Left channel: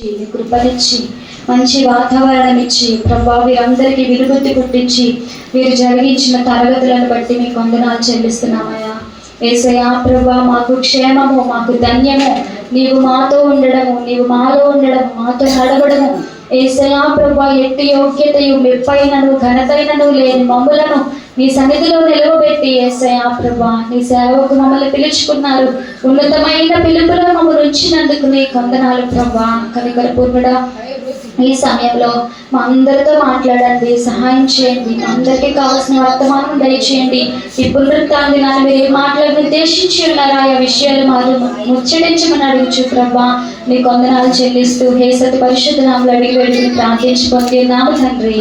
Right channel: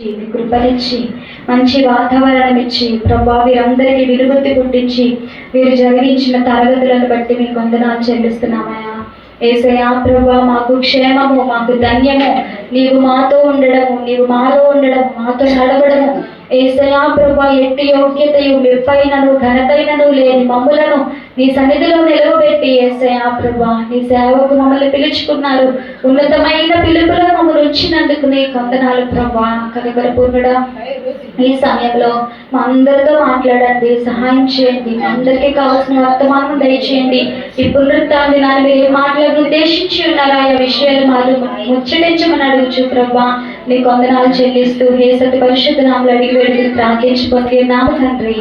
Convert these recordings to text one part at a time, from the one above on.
కృపనిచ్చి మంచి వాతావరణం ఇచ్చి ప్రభా వీరందరికీ విలుబుద్ధి పుట్టించి వీరు జరిగించిన తరగతులను బట్టి మీకు వందనాలు చెల్లిస్తున్నామయ్యా. యేసయ్యా ప్రభా, మాకు క్షేమము, మాకు ధన్యము, నీవు మాతో ఉండడము, నీవు మాలో ఉండడము, మాతో నడవడము. యేసయ్యా ప్రభా, ఎట్టి యోగ్యతయు మెప్పైనను ఘనతైనను లేని మమ్ములను నీ సన్నిధిలో నిలవబెట్టి యేసయ్యా ప్రభా, నీ సేవకు మమ్మల్ని పిలుచుకున్నారు. ఉన్నతమైన పిలుపులో మమ్మల్ని ఉంచినందుకు నీకు వందనాలు ప్రభా. కనికరపూర్ణుడా, ఈ సమయంలో మా అందరితో మాట్లాడండి, సహాయం చేయండి, అందరికీ కావాల్సిన వర్తమానం దయచేయండి. ఈ పునరుత్థాన దినాన్ని మీరు ఏ మాటలను ఉద్దేశించి ఉన్నారా, ఆ విషయాలు మాకు ముచ్చటించమని అడుగుచు ప్రభా. నీకు వందనాలు చెల్లిస్తూ యేసతి పరిశుద్ధ నామములో అడిగి వేడుకుని ప్రార్థించి పొందుతున్నాము తండ్రి.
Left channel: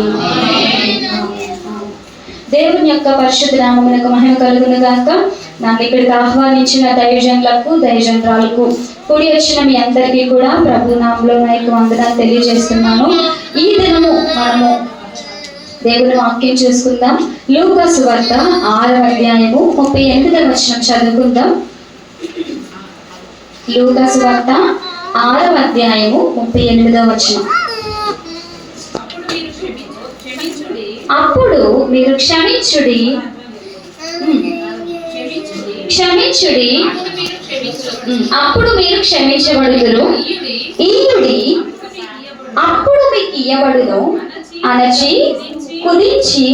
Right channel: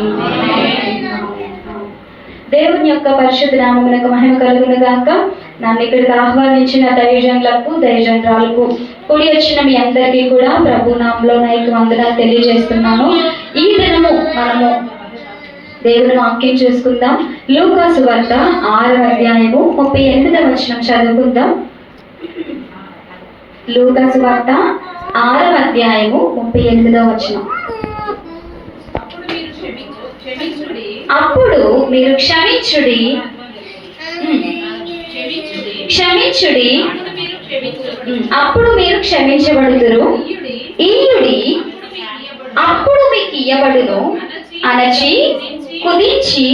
దేవుని యొక్క పరిశుద్ధ నామమునకు మహిమ కలుగును గాక. నన్ను ఇక్కడికి ఆహ్వానించిన దైవజనులకు, దైవజనురాలకు, కూడి వచ్చిన మీ అందరికీ కూడా ప్రభు నామములో నాకు వందనాలు తెలియజేస్తున్నాను. ఈ దినము మనము దేవుని వాక్యం చూసుకుందాం. లూకా సువార్త 6వ అధ్యాయము 38వ వచనం చదువుకుందాం. లూకా సువార్త 6వ అధ్యాయము 38వ వచనం. అప్పుడు మీరు క్షమించుడి, అప్పుడు మీరు క్షమించబడుదురు. ఈయుడి, అప్పుడు మీకు ఇయ్యబడును. అనచి కుదించి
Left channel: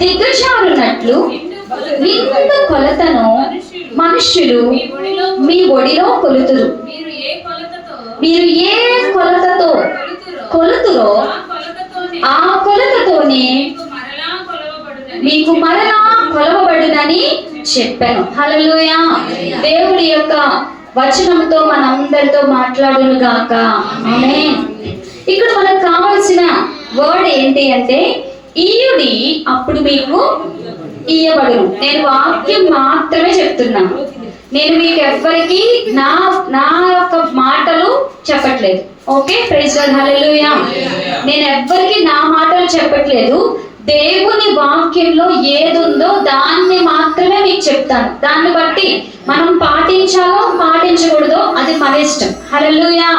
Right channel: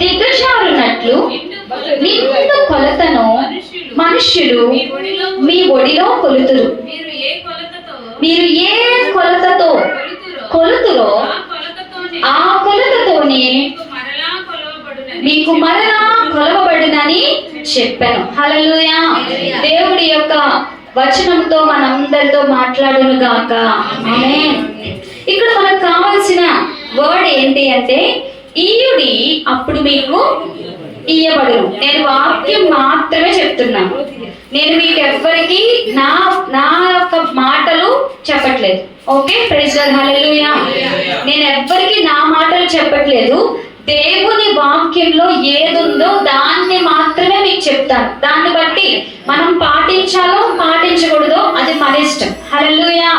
దిగజారునట్లు నిండు కొలతను మనుష్యులు మీ ఒడిలో కొలుతురు. మీరు ఏ కొలతతో కొలుతురో ఆ కొలతతోనే మీకు మరలా కొలవబడునని చెప్పాను. హల్లెలూయా. దేవుడి యొక్క వచనంతో మనందరితో మాట్లాడును గాక. ఆమేన్. ఇక్కడ మనకు కావాల్సిన వర్డ్ ఏంటి అంటే ఈయుడి, అప్పుడు మీకు ఇయ్యబడును. నేను వాక్యం మాత్రమే చెప్తున్నాను. నేను మీకు ఎవ్వరికి నా యొక్క మాటలు చెప్పట్లేదు. ఓకే, ప్రైజ్ లార్డ్, హల్లెలూయా. నేను ఎవ్వరికి నా మాటలు చెప్పట్లేదు. దేవుని వాక్యంలో ఏదుందో దాన్ని మాత్రమే మీకు చెప్తాను. దాన్ని బట్టి మనం పాటించాలో పాటించకూడదో అది మన ఇష్టం. హల్లెలూయా.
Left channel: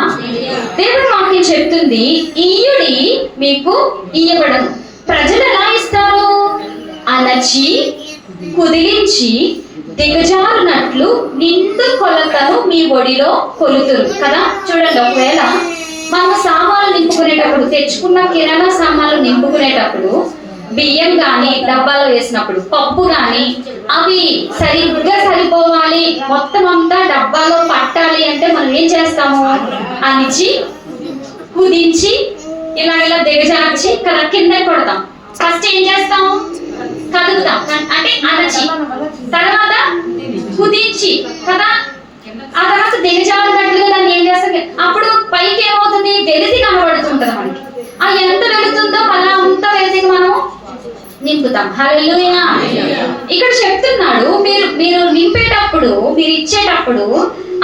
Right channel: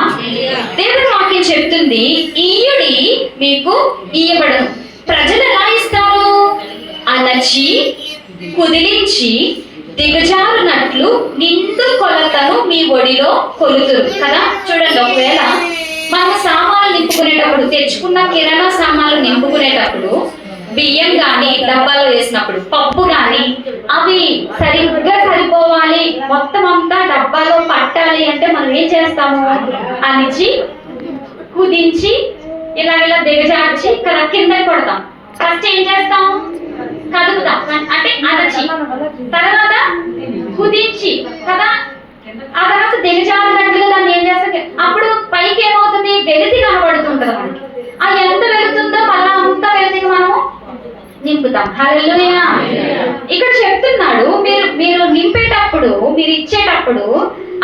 దేవుని వాక్యం చెప్తుంది, ఈయుడి మీకు ఇయ్యబడను. ప్రజలు ఎలా ఇస్తారు? అనచి కుదిలించి దిగజారునట్లు నిండు కొలతను మీ ఒడిలో కొలుతురు కదా. చూడండి, ఒకవేళ మనం సామాన్లు నింపుకునేటప్పుడు, తెచ్చుకున్న కిరాణా సామాన్లు నింపుకునేటప్పుడు, బియ్యం కానీ డబ్బాలో వేసినప్పుడు, పప్పు కానీ అవి సరిగ్గా సరిపోవాలి, మొత్తం అంతా డబ్బాలో పట్టాలి అంటే మనం ఏం చేస్తాము? అనిచి కుదించి ఇలా దిగజార్చి కింద కొడతాం. ఫస్ట్ ఏం చేస్తాం? కదుపుతాం, అంటే అనచి, తర్వాత కుదించి కదా, ఆ తర్వాత దిగజారినట్లుగా దాన్ని ఏం చేస్తాం? అప్పుడు పైకి ఏమవుతుంది? వెలితి కనబడుతుంటది మనకి. ఆ ఎంత వెళుతుందో అలా అంతా వెలితి మనము నింపుతాం. హల్లెలూయా. ఇక్కడ చెప్తున్నాడు, మీరు నింపేటప్పుడు, మీరు ఇచ్చేటప్పుడు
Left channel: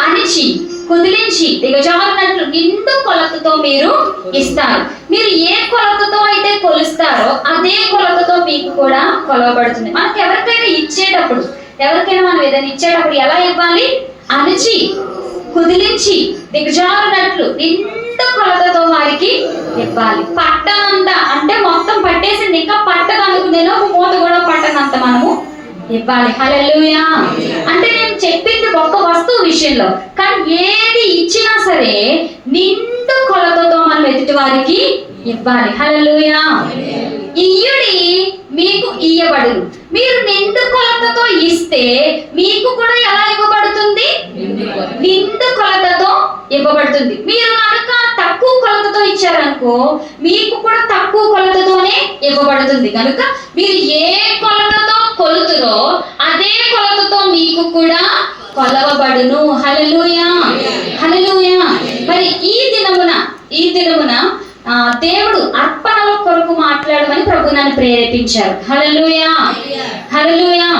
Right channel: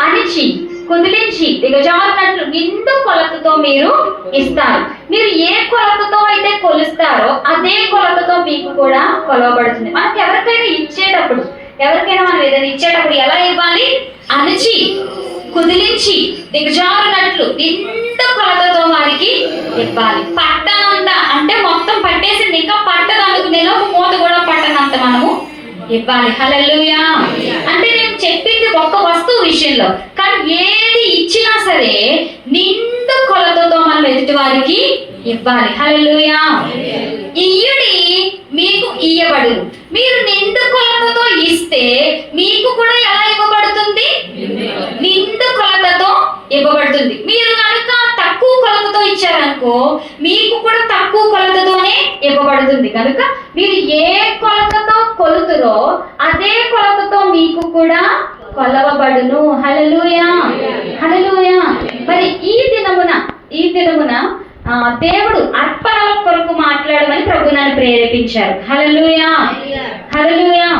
అనిచి కుదిలించి దిగజారినట్లు నిండు కొలతతో మీరు ఇస్తారు. మీరు ఏ కొలతతో అయితే కొలుస్తారో అదే కొలతతో మీకు కూడా కొలవబడుతుంది. మనకు ఎవరికైనా ఇచ్చేటప్పుడు, ఎవరికైనా మనం ఏదైనా ఇచ్చేటప్పుడు ఎలా ఇవ్వాలి? అనిచి కుదిలించి దిగజారినట్లు నిండు కొలతతో వారికి ఇవ్వాలి. పట్టనంత అంటే మొత్తం పట్టేసింది, ఇంకా పట్టదనుకునేలో మూత కూడా పట్టనంత మనము ఇవ్వాలి. హల్లెలూయా. అంటే నేను చెప్పింది ఒక్క వస్తువు విషయంలో, కానీ ఏది ఇచ్చినా సరే నిండు కొలతతో మనం ఎదుటి వారికి ఇవ్వాలి. హల్లెలూయా. ఇయ్యుడి, మీకు ఇయ్యబడును. మీరు నిండు కొలతతో ఇస్తే మీకు కూడా ఎలా ఇవ్వబడుతుంది? నిండు కొలతతో ఇవ్వబడుతుంది. మీరు కనుక తక్కువ కొలతతో ఇచ్చారనుకో, మీకు కూడా తక్కువ కొలతతోనే ఇవ్వబడుతుంది. కనుక మీరు ఏ కొలతతో కొలుతురో అదే కొలతతో మీకు కూడా కొలవబడును. హల్లెలూయా, హల్లెలూయా. మరి ఈ దినమున దేవుడు అర్పణల కొరకు మాట్లాడమని ప్రభు నన్ను ప్రేరేపించారు. హల్లెలూయా, హల్లెలూయా.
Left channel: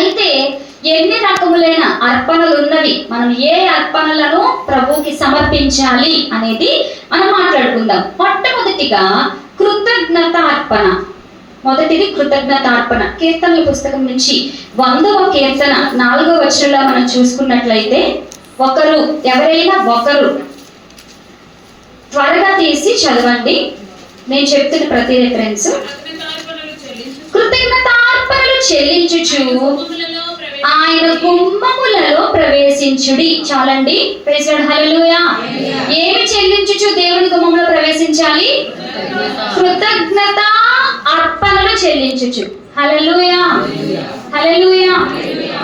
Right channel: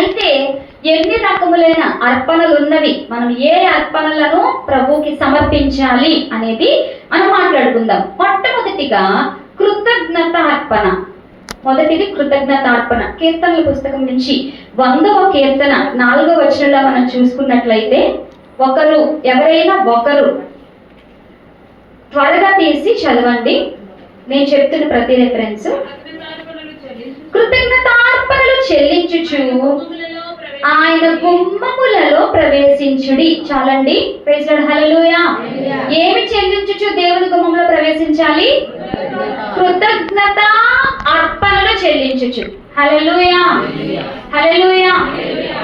అయితే ఎన్ని రకములైన అర్పణలు ఉన్నవి, మనం ఏ అర్పణలను ప్రభుకి సమర్పించాలి అనేది మనం మాట్లాడుకుందాం. మొట్టమొదటిగా కృతజ్ఞత అర్పణ. మొదటిది కృతజ్ఞత అర్పణ. కీర్తనల పుస్తకం నుంచి 100వ కీర్తన 4వ వచనంలో మనం చూసుకున్నట్లయితే, ఎవరైనా ఒకరు త్వరగా తీసి చదవండి. నేను చెప్తున్న ప్రతి రెఫరెన్స్. కృతజ్ఞతార్పణలు చెల్లించుచు ఆయన గుమ్మములలో ప్రవేశించుడి. చాలండి. Praise Lord. హల్లెలూయా. ఏమి చెల్లించుచు దేవుని గుమ్మములో ప్రవేశించాలి? కృతజ్ఞత అర్పణలు చెల్లించుచు. హల్లెలూయా, హల్లెలూయా.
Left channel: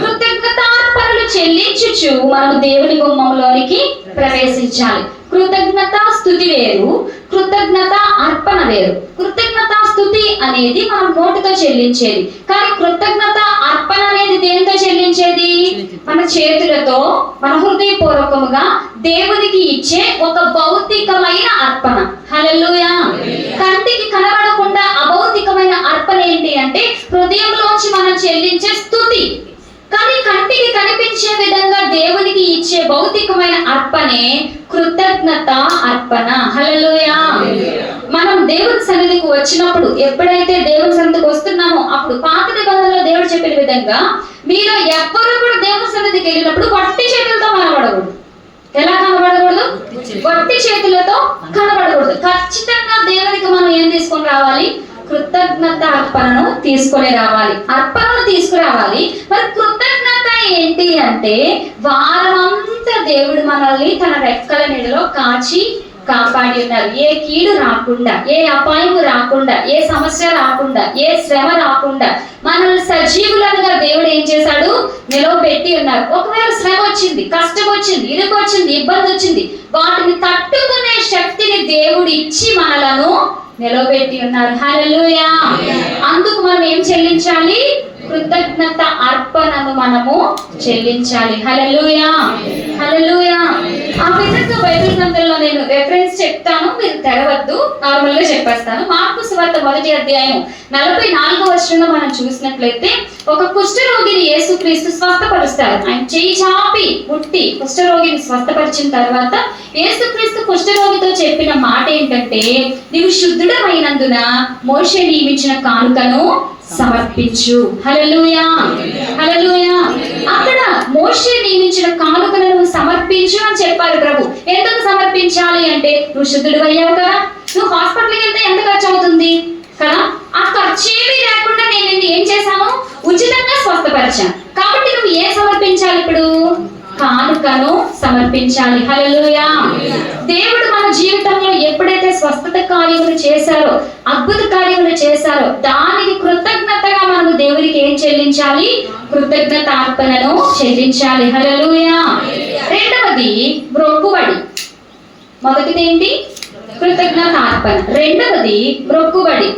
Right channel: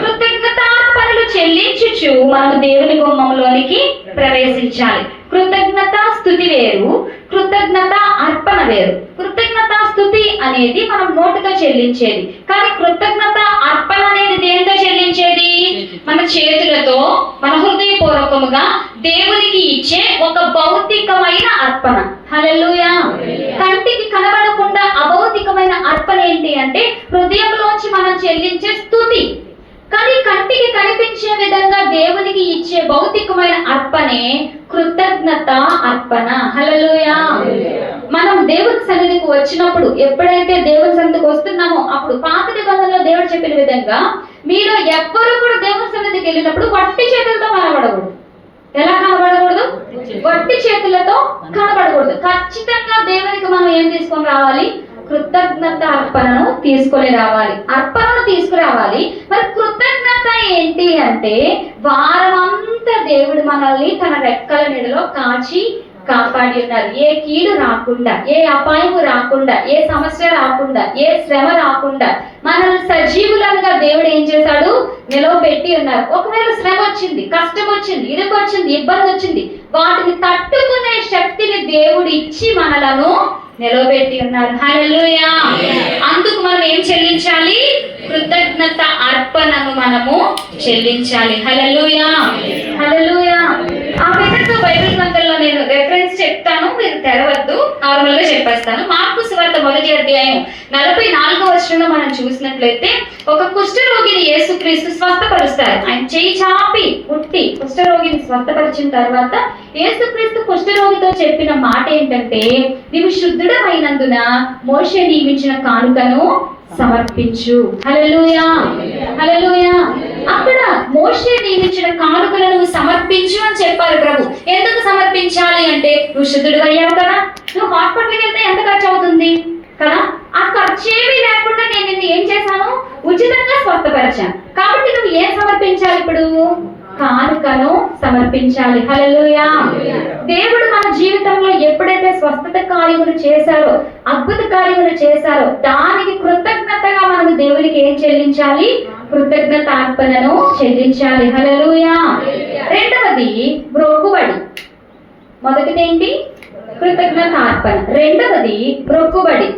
కృతజ్ఞతార్పణలు చెల్లించుచు మనం దేవుని గుమ్మంలోనికి ప్రవేశించాలి. కృతజ్ఞత స్తుతి వేరు, కృతజ్ఞత అర్పణ వేరు. కృతజ్ఞత స్తుతి అనేది మనం నోటితో చెల్లించేది, కానీ కృతజ్ఞత అర్పణ అనేది దేనితో చెల్లించేది? మన చేతులతో, మన హృదయపూర్వకముగా దేవునికి ఇచ్చే ఒక భౌతికమైన అర్పణ. హల్లెలూయా. కంటికి కనబడకుండా అభౌతికమైన అర్పణ ఏంటి అంటే హృదయంలోంచి మనం చెల్లించే స్తుతి. కానీ కంటికి కనిపించే విధంగా దేవునికి ఇచ్చే భౌతికమైన అర్పణే కృతజ్ఞత అర్పణ. హల్లెలూయా. మనం దేవుని సన్నిధికి వచ్చినప్పుడు, ఎప్పుడైతే దేవుని సన్నిధికి వస్తున్నామో అప్పుడు పాత నిబంధనలో దేవుడు చెప్పిన విధంగా మీరు ఎవ్వరు కూడా దేవుని సన్నిధికి వెళ్ళినప్పుడు వట్టి చేతులతో కనబడకూడదు. ఎలా కనబడకూడదు? వట్టి చేతులతో కనబడకూడదు. ఖచ్చితంగా దేవునికి మనం ఏం తీసుకొని రావాలి? కృతజ్ఞత అర్పణను తీసుకొని రావాలి, అర్పణను తీసుకురావాలి. మరి కృతజ్ఞత ఏంటి అంటే వారమంతా దేవుడు మనల్ని తన రెక్కల నీడలో కాచి కాపాడి ఉన్నారు. ఏ కీడు రాకుండా, ఏ అపాయము రాకుండా, ఏ సమస్య రాకుండా, ఏ శ్రమ రాకుండా మనల్ని సజీవులుగా దేవుడు ఏం చేశాడు? నిలవబెట్టి ఉన్నారు. ఒకవేళ శ్రమ వచ్చింది, కష్టం వచ్చింది, ఇరుకు వచ్చింది, ఇబ్బంది వచ్చింది, వాటిని తట్టుకునే శక్తిని దేవుడు ఇచ్చి మనలను నిలవబెట్టి ఉన్నారు. హల్లెలూయా. అందుకు మనం ఏం చెల్లించాలి? కృతజ్ఞత అర్పణను మనము చెల్లించాలి. హల్లెలూయా, హల్లెలూయా. ఆ విధంగా బైబిల్ గ్రంథంలో నేను రెఫరెన్స్ చెప్తాను, మీరు తెరవద్దు, నార్మల్ గా చెప్పేస్తాను. మార్కు సువార్త 1వ అధ్యాయం 44వ వచనంలో మనం చూసినట్లయితే ఒక కుష్ఠరోగిని యేసుక్రీస్తు స్వస్థపరుస్తారు. ఆయన చేయి చాపి ముట్టి కుష్ఠరోగిని స్వస్థపరిచిన తర్వాత యేసుక్రీస్తు కుష్ఠరోగితో చెప్పిన మాట ఏంటంటే, నీవు శుద్ధుడమైనందున మోషే నియమించిన కానుకను సమర్పించు. హల్లెలూయా, హల్లెలూయా. అక్కడ మోషే నియమించిన కానుకలను సమర్పించు అని చెప్పారు ప్రభు. ఎందుకు సమర్పించాలి అంటే నువ్వు శుద్ధుడు అయ్యావు కదా, నువ్వు హాస్పిటల్కి వెళ్తే ఎంత ఖర్చు అవుతుంది కదా, ఆ ఖర్చు ఏమీ లేకుండా నేను నిన్ను ఏం చేశాను? ఉచితంగా స్వస్థపరిచాను. కాబట్టి నువ్వు ఏం సమర్పించాలి? ఇప్పుడు కానుకను సమర్పించాలి. హల్లెలూయా. దేవుడు మన జీవితంలో ఎప్పుడైతే స్వస్థత కార్యములు చేశారో, అద్భుత కార్యములు చేశారో, దానికి కృతజ్ఞతగా మనము దేవునికి ఏం చెల్లించాలి? కృతజ్ఞత అర్పణను చెల్లించాలి. హల్లెలూయా. రెండవది మ్రొక్కుబడి. మొదటిది ఏంటి? కృతజ్ఞత అర్పణ. రెండవది మ్రొక్కుబడి.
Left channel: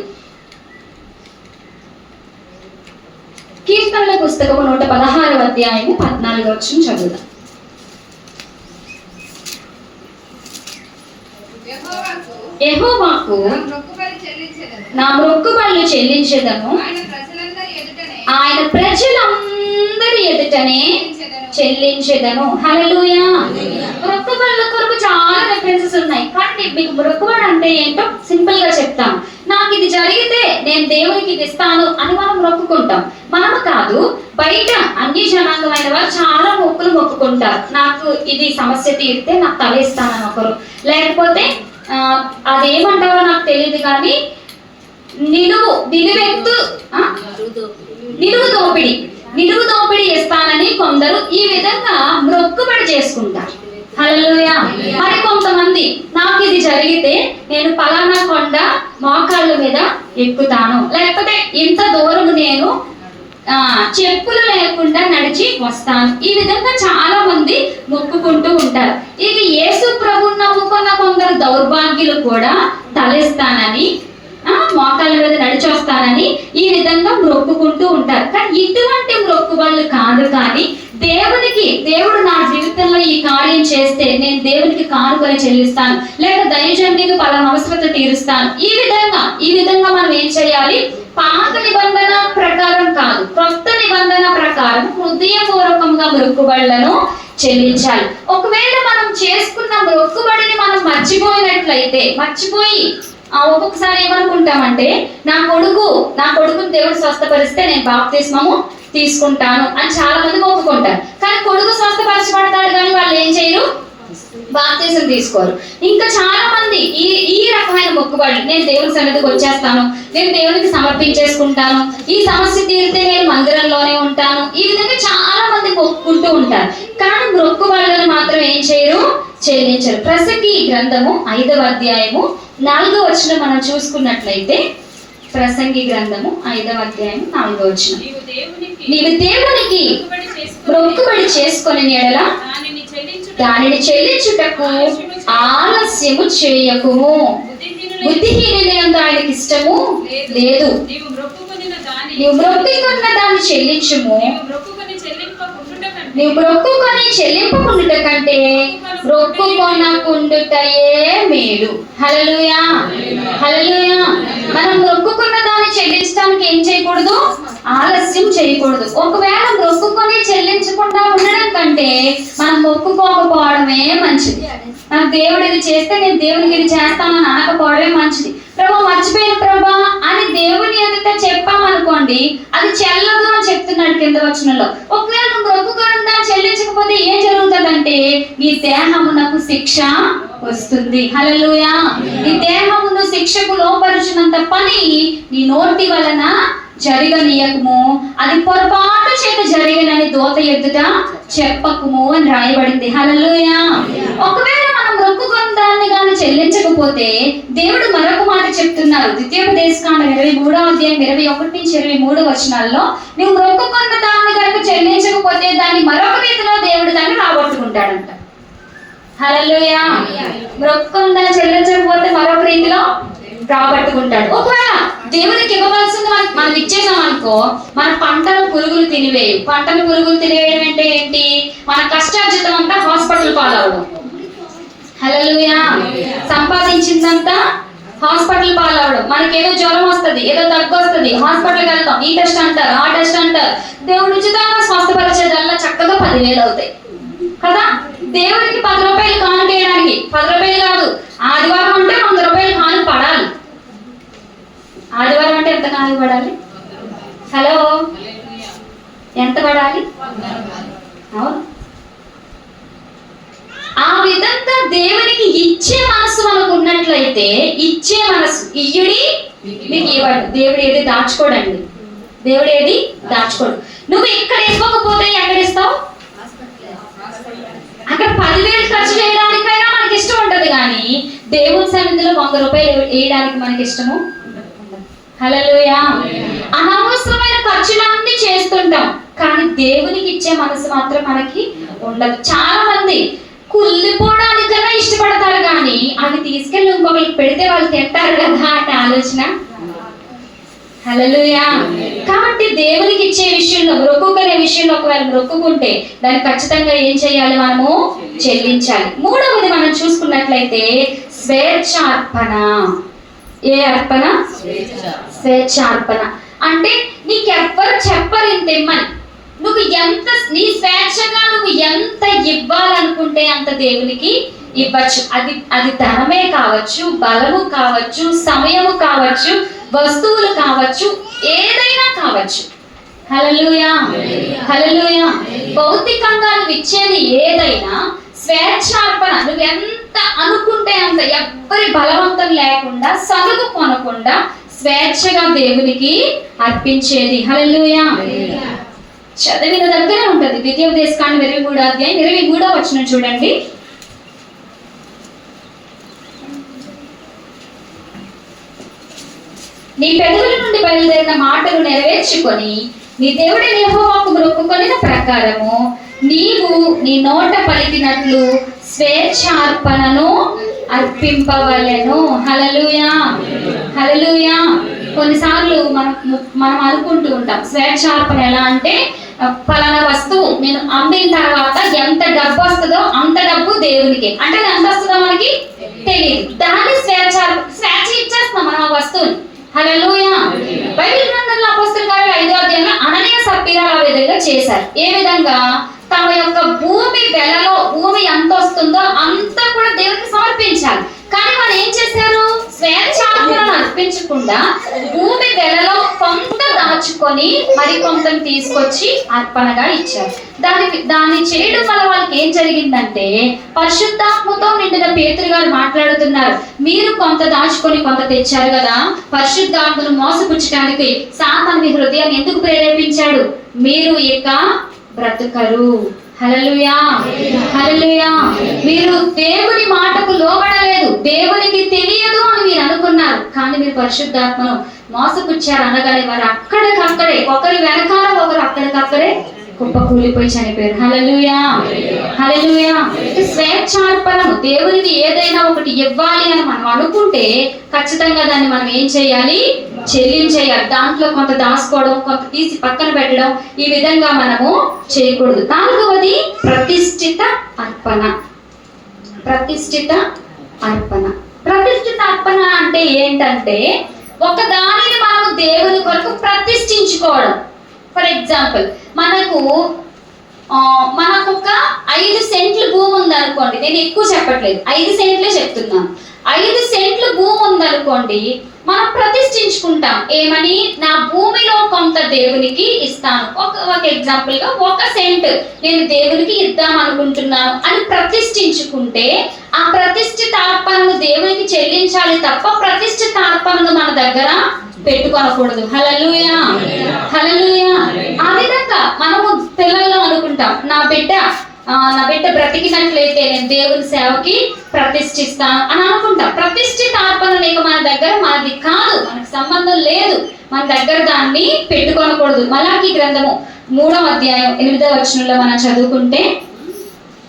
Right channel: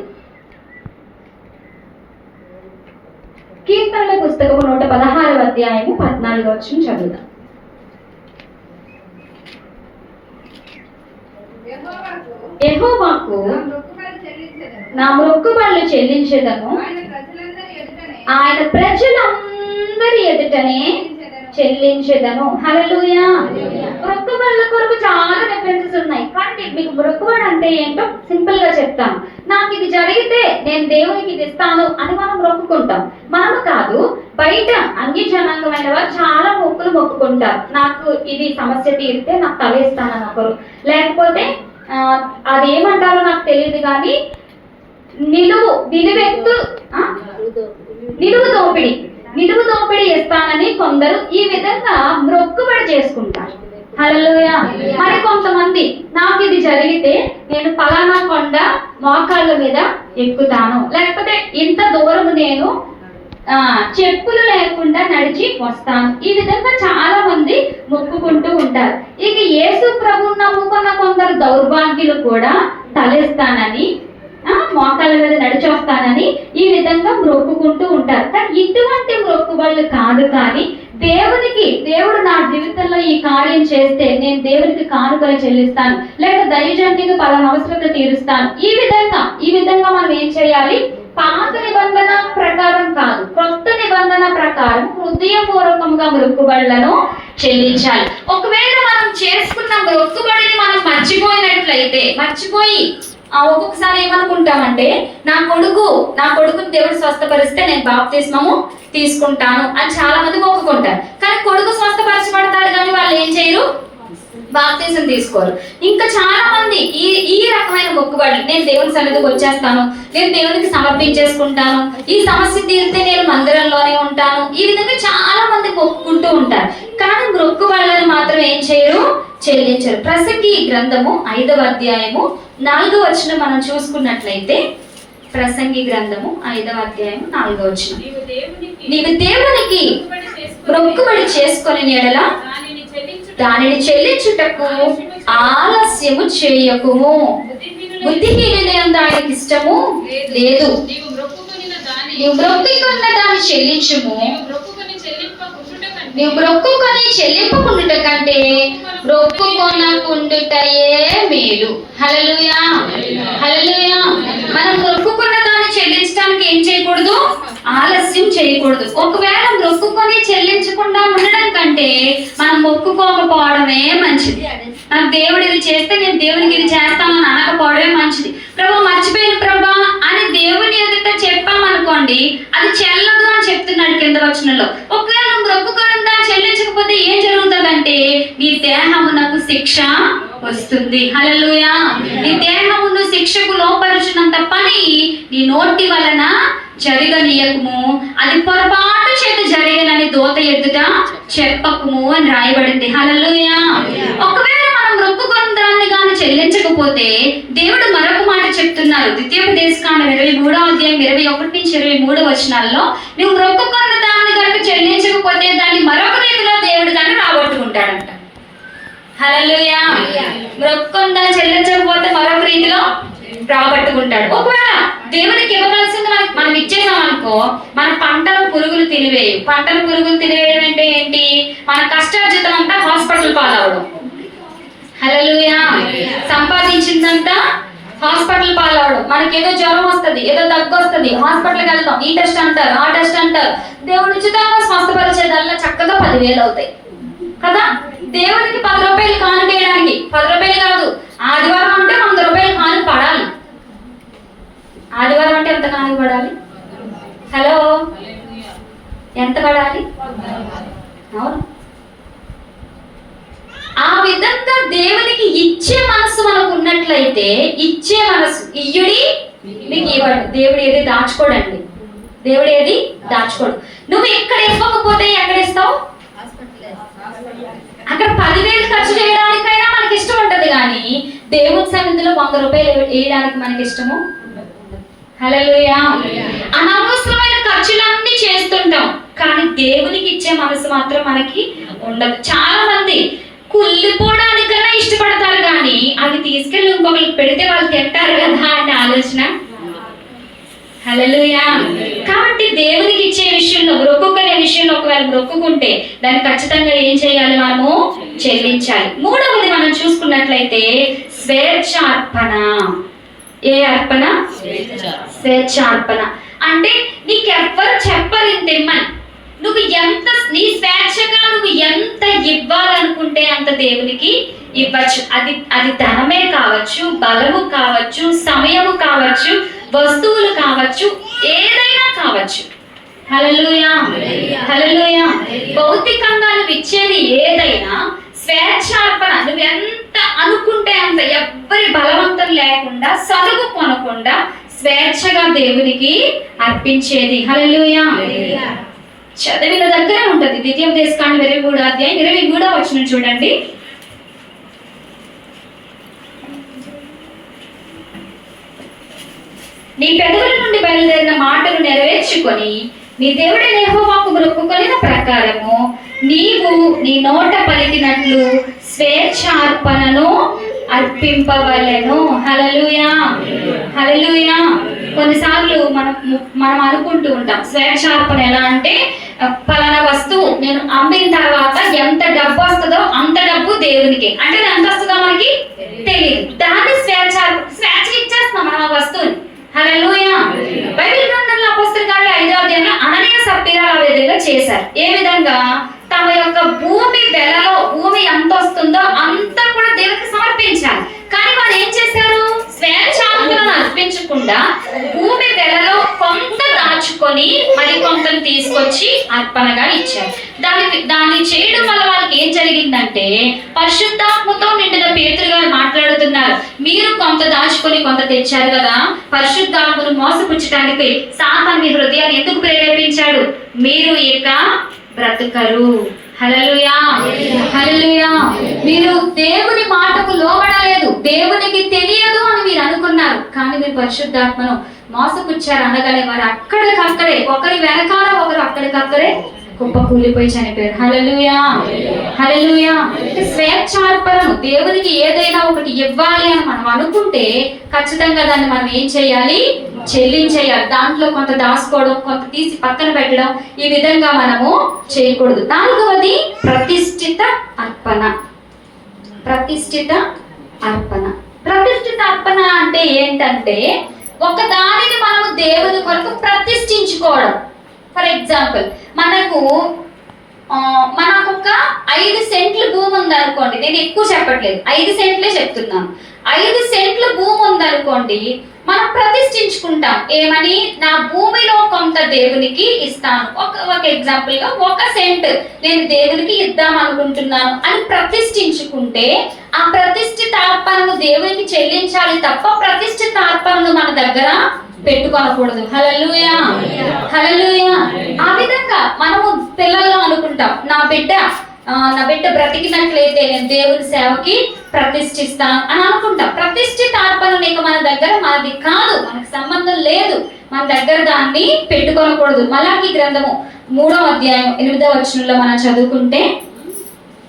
కీర్తనల పుస్తకము 116వ అధ్యాయము 14వ వచనం చదువుదాం. యెహోవాకు నా మొక్కుబడులు చెల్లించెదను, ఆయన ప్రజలందరి ఎదుటనే చెల్లించెదను. హల్లెలూయా. మొక్కుబడుల కొరకు చాలా రెఫరెన్సెస్ ఉన్నాయి, కానీ మీకు మొక్కుబడి అంటే ఏంటో సింపుల్ గా చెప్తాను. నాకు ఇది జరిగితే నేను దేవునికి ఇది ఇస్తాను అని మనం మొక్కుకుంటాం. మనము కాదు, బయట అన్ని జనాంగమైన వారు చాలా మొక్కులు మొక్కుకుంటారు. నాకు ఇది సమస్య తీరితే నాకు తల ఇస్తానని ఒకరు, లేకపోతే అదేమంటారో నాకు తెలియదు కానీ నిలువు దోపిడి ఇస్తానని కొందరు ఈ విధంగా మొక్కుబడి చేసుకుంటారు. హల్లెలూయా. మరి కొంతమంది నాకు ఇది జరిగితే నేను పలానా కొండ మోకాళ్ళ మీద ఎక్కుతాను, లేకపోతే ఇంత దూరం నేను చెప్పులు లేకుండా నడిచి వస్తాను. ఈ విధంగా చాలా మంది మొక్కుకుంటూ ఉంటారు. ఇక యేసు ప్రభువుని నమ్ముకున్న కొందరు దౌర్భాగ్యులు కూడా తలెస్తానని, మోకాళ్ళ మీద నడిచి వస్తానని ఈ విధంగా మొక్కుకుంటూ ఉంటారు. కానీ ఇటువంటి మొక్కుబడులు కాదు, కానీ దేవుడు నా జీవితంలో ఈ కార్యం చేస్తే నేను దేవునికి కానుకలు చెల్లిస్తాను, లేక దైవజనుడికి పలానా అవసరత తీరుస్తాను. ఈ విధంగా మనం ఏం చేయాలి? పాత నిబంధన ప్రకారం కాదు, కొత్త నిబంధన ప్రకారం హృదయపూర్వకంగా మొక్కుబడులను చెల్లించాలి. ఒకవేళ మనం చేసుకున్న మొక్కుబడిని మనం మర్చిపోయి ఒక్కొక్కసారి ఏమనుకుంటామంటే నా కొడుకుని దేవుడు స్వస్థపరిస్తే నేను బాప్తిస్మము తీసుకుంటాను అని చాలా మంది మొక్కుకుంటారు. కానీ కొడుకు స్వస్థపరచబడతాడు కానీ వాళ్ళు ఏం చేయరు? బాప్తిజం తీసుకోరు. ఇంకా చాలా మంది ఈ రకమైన మొక్కుబడులు, నేను దేవుని సన్నిధికి వచ్చేస్తాను, నేను దేవునికి సమర్పించేసుకుంటాను, ఈ సమస్య తీరితే నేను మందిరంలోనే ఉంటాను, ఈ విధంగా చాలా మంది మొక్కుకుంటూ ఉంటారు. కానీ మొక్కుబడులను మాత్రం ఏం చేయరు, చెల్లించరు. ప్రసంగి గ్రంథము 5వ అధ్యాయము 4వ వచనం మనం చూసుకున్నట్లయితే, ప్రసంగి గ్రంథము 5వ అధ్యాయం 4వ వచనం, నీవు దేవునికి మొక్కుబడి చేసుకొని ఎడల దానిని చెల్లించుటకు ఆలస్యము చేయకుము. బుద్ధిహీనుని యందు ఆయనకి ఇష్టము లేదు. నీవు మొక్కుకున్న దాన్ని చెల్లించుము. నీవు మొక్కుకొని చెల్లింపకుండుట కంటే మొక్కుకొనకుండుటయే మేలు. హల్లెలూయా, హల్లెలూయా. మనం మొక్కుకున్న దాన్ని చెల్లించడానికి ఏం చేయకూడదు, ఆలస్యం చేయకూడదు. ఒకవేళ మొక్కుకొని చెల్లించకుండా ఉండడం కంటే మనం మొక్కుకోకపోవడమే మంచిది. నాకు దేవుడు ఇది చేస్తే నేను దేవునికి ఇది చేస్తానని అనకపోవడమే మంచిది. ప్రభు మర్చిపోయిన ప్రభా అని దేవుని ఎదుట చెప్పామనుకోండి, అది చెల్లదు అని చెప్తున్నాడు కింద వచనంలో. ఒకవేళ నువ్వు మొక్కుకొని దాన్ని చెల్లించకపోతే ఏం జరుగుతుందంటే నీ దేహమునకు శిక్ష వస్తుంది. హల్లెలూయా. నీ దేహమును శిక్షకు లోపరుచినంత పని నీ నోటి వలన జరగనీయకము, అది పొరపాటు చేత జరిగనని దూత ఎదుట చెప్పకుము అని రాయబడింది. హల్లెలూయా. ఒకవేళ మనం మొక్కుకున్న దాన్ని కానీ చెల్లించకపోతే దేవుడు మరొక మాట చెప్తున్నారు. ద్వితీయోపదేశకాండం 23వ అధ్యాయం 21 నుంచి 23 వచనాల్లో, నువ్వు మొక్కుకున్న దాన్ని కనుక చెల్లించకపోతే దాన్ని మరొక రీతిలో దేవుడు దాన్ని రాబట్టుకుంటాడంట. హల్లెలూయా. మొక్కుకున్న దాన్ని చెల్లించకపోతే మరొక రీతిలో రాబట్టుకుంటాడు. ఒకవేళ దేవునికి ఇవ్వవలసింది మనం ఇచ్చేసాం అనుకో, మన పంటలు పురుగులు తినివేయు. పంటలు పురుగులు తినివేయడం అంటే ఏంటి, మన కష్టార్జితం అంతా హాస్పిటల్ పాలవడం. హల్లెలూయా. సంపాదించిందంతా హాస్పిటల్ పాలవడం. మనకి ఏదో జ్వరం వస్తుంది, ఏదో దగ్గు వస్తుంది, హాస్పిటల్కి వెళ్తాం, ఈ టెస్ట్ అంటారు, ఆ టెస్ట్ అంటారు. దేవుడు ఉచితంగా స్వస్థపరిచేదల్లా చక్కగా 10,000 అవుతాయి కదా. దేవుడికి 10 రూపాయలు కానుక వేయడానికి 10 రూపాయలు కాదు, ఆదివారం అంటే 100 రూపాయలు కానుక పడాలి. ఆదివారం అంటే ఎంత కానుక పడాలి? హలో, ఎంత పడాలి? అవును. ఆ విధంగా దేవునికి ఇచ్చే మనసు మనకు ఉన్నట్లయితే, ఇచ్చే మనసు, ఇయ్యుడి మీకు ఇవ్వడు. దేవుడు ఏది దాచుకోడండి. దేవుడు ఏది దాచుకోడు. నువ్వు ఇక్కడ ఇవ్వకపోతే ఎక్కడ ఇస్తావు? అక్కడ 10,000 ఖర్చు చేయడానికైనా మనకి ఇష్టం ఉంటది, కానీ దేవుని సన్నిధిలో 100 రూపాయలు వేయడానికి మనకి ఇష్టము. హల్లెలూయా. అనవసరమైన ఖర్చులన్నీ చేస్తుంటాం, కానీ దేవునికి ఇచ్చే మనసు మాత్రం మనకి ఉండదు. చాలా మంది కుళ్ళిపోవడానికన్నా ఇష్టపడతారు, కానీ అవి తీసుకెళ్ళి ఇంకొకరికి పెడితే వాళ్ళు తింటారు కదా అంటే ఆలోచన. హల్లెలూయా. కాబట్టి దేవునికి ఇచ్చే విషయంలో, మొక్కుకునే విషయంలో ఒకవేళ మొక్కుకుంటే దాన్ని ఖచ్చితంగా ఏం చేయాలి, మనము చెల్లించాలి. మూడవది మనం చూసుకున్నట్లయితే స్వేచ్ఛార్పణ. ఏ అర్పణ? స్వేచ్ఛార్పణ. అంటే నీకెవ్వరు చెప్పరు ఇంత ఇమ్మని. నువ్వు ఎంత నీ స్వేచ్ఛగా నువ్వు ఎంత ఇవ్వాలనుకుంటే అంత దేవునికి ఇవ్వచ్చు. అది ధనమే కావచ్చు, బలము కావచ్చు, సమయము కావచ్చు, వస్తువులు కావచ్చు, ఏదైనా కావచ్చు. హల్లెలూయా, హల్లెలూయా. భౌతికంగా నువ్వు ఇచ్చేది ఏదైనా స్వేచ్ఛార్పణ. నువ్వు ఎంత అనుకుంటే అంత, ఎవ్వరి బలవంతం లేకుండా, సరుకు కొనకుండా స్వేచ్ఛగా దేవునికి అర్పించేది. హల్లెలూయా. చదివిన దగ్గరే ఉంటది. ద్వితీయోపదేశకాండం 23వ అధ్యాయం 23వ వచనం చూడండి. నీ పెదవుల నుండి బయలుదేరిన మాటలు నెరవేర్చుకొని నీ దేవుడైన యెహోవాకు మొక్కుకొనిన ప్రకారము నీవు నీ నోట పలికినట్లు స్వేచ్ఛార్పణను అర్పింపవలెను. హల్లెలూయా, హల్లెలూయా. కొన్నిసార్లు మనం అనుకుంటూ ఉంటాం స్వేచ్ఛార్పణ ఎలా అంటే, పలానా వస్తువు నేను అమ్మిన తర్వాత ఎంత డబ్బు వస్తుందో అంత డబ్బు దేవునికి, అంటే ఎంత వస్తుందో మనకి తెలియదు, దాన్ని స్వేచ్ఛ ఇచ్చేస్తాం మనం ఆ వస్తువుని. హల్లెలూయా. బైబిల్ గ్రంథంలో అపొస్తలుల కార్యాలు 5వ అధ్యాయంలో అననీయ సప్పీరా ఆ విధంగా చేశారు. ఏ విధంగా? తమ యొక్క భూమి వెలలో భూమి ఎంత వస్తుందో అంతా కూడా దేవునికి సమర్పించాలి. కానీ వారు ఏం చేశారు? స్వేచ్ఛార్పణను అర్పించకుండా భూమి వెలలో కొంత దాచి దాచుకొని మరి కొంతను తీసుకొచ్చి అర్పణగా ఇచ్చారు. దాన్ని చేయడం వల్ల వాళ్ళకి ఏం జరిగిందంటే, పరిశుద్ధాత్మతో నిండిన పేతురు గారు మాట్లాడుతున్నారు, మీరు కొంత దాచుకొని కొంత తెచ్చారు కదా, పరిశుద్ధాత్మను మోసపుచ్చడానికి సాతాను మీ హృదయాన్ని ఎందుకు ప్రేరేపించాడు? మీరు ఇక బ్రతుకరు. హల్లెలూయా, హల్లెలూయా. మీరు దేవుని మాటకు లోబడలేదు, దేవునికి తెలియదు అని మీరు అనుకున్నారు, కానీ మీరు పరిశుద్ధాత్మను మోసపుచ్చారు అనగానే వారు అక్కడికక్కడే, ఒకరి వెనకాల ఒకరు అక్కడికక్కడే కుప్ప కూలిపోయి చనిపోయారు. హల్లెలూయా, హల్లెలూయా. స్వేచ్ఛార్పణము, దేవునికి ఏదైనా ఒకటి ఇవ్వాలి అని మనం అనుకుంటే ఖచ్చితంగా దాన్ని మనం ఏం చేయాలి? చెల్లించేయాలి. దాంట్లో కొంత దాచుకోవడం, కొంత తీసి పక్కన పెట్టడం, ఈ విధంగా మనము చేయకూడదు. 4వది ప్రతిష్ఠిత అర్పణ. ప్రతిష్ఠిత అర్పణ. ప్రతిష్ఠిత అర్పణ అంటే ఏంటంటే, ఒక దానిని మనము దేవుని కొరకు ప్రతిష్ఠించుకోవడం. ఫర్ ఎగ్జాంపుల్, మనకు ఒక 5 సెంట్ల భూమి ఉందనుకోండి, నేను ఎక్కువ చెప్పట్లేదు, 5 సెంట్లే చెప్తున్నాను. 5 సెంట్ల భూమి ఉందనుకోండి, మనం ప్రతిష్ఠించుకుంటాం. ఏమని? నా భూమిలో కొంత దేవునికి ఇస్తాను. ఒక ఎగ్జాంపుల్ గా 1 సెంట్ నేను దేవునికి ఇద్దాం అనుకుంటున్నాను అని ప్రతిష్ఠించుకుంటే, ఆ ప్రతిష్ఠిత అర్పణను దేవునికి చెల్లించాలి తప్ప ప్రతిష్ఠిత అర్పణను మన దగ్గర పెట్టుకోకూడదు. హల్లెలూయా, హల్లెలూయా. ఆ విధంగా మనము పిల్లల్లో అనుకుంటాం, నా బిడ్డ బ్రతికినట్లయితే నేను దేవుని సేవకి ప్రతిష్ఠిస్తాను అని అనుకుంటాం. ప్రతిష్ఠిత అర్పణ నీకు మన దగ్గర మనది కాదు, మనకు సంబంధం లేదు, మన దగ్గర దాన్ని పెట్టుకోకూడదు. మలాకీ గ్రంథము 3వ అధ్యాయం 8వ వచనంలో మనం చదువుకుంటే,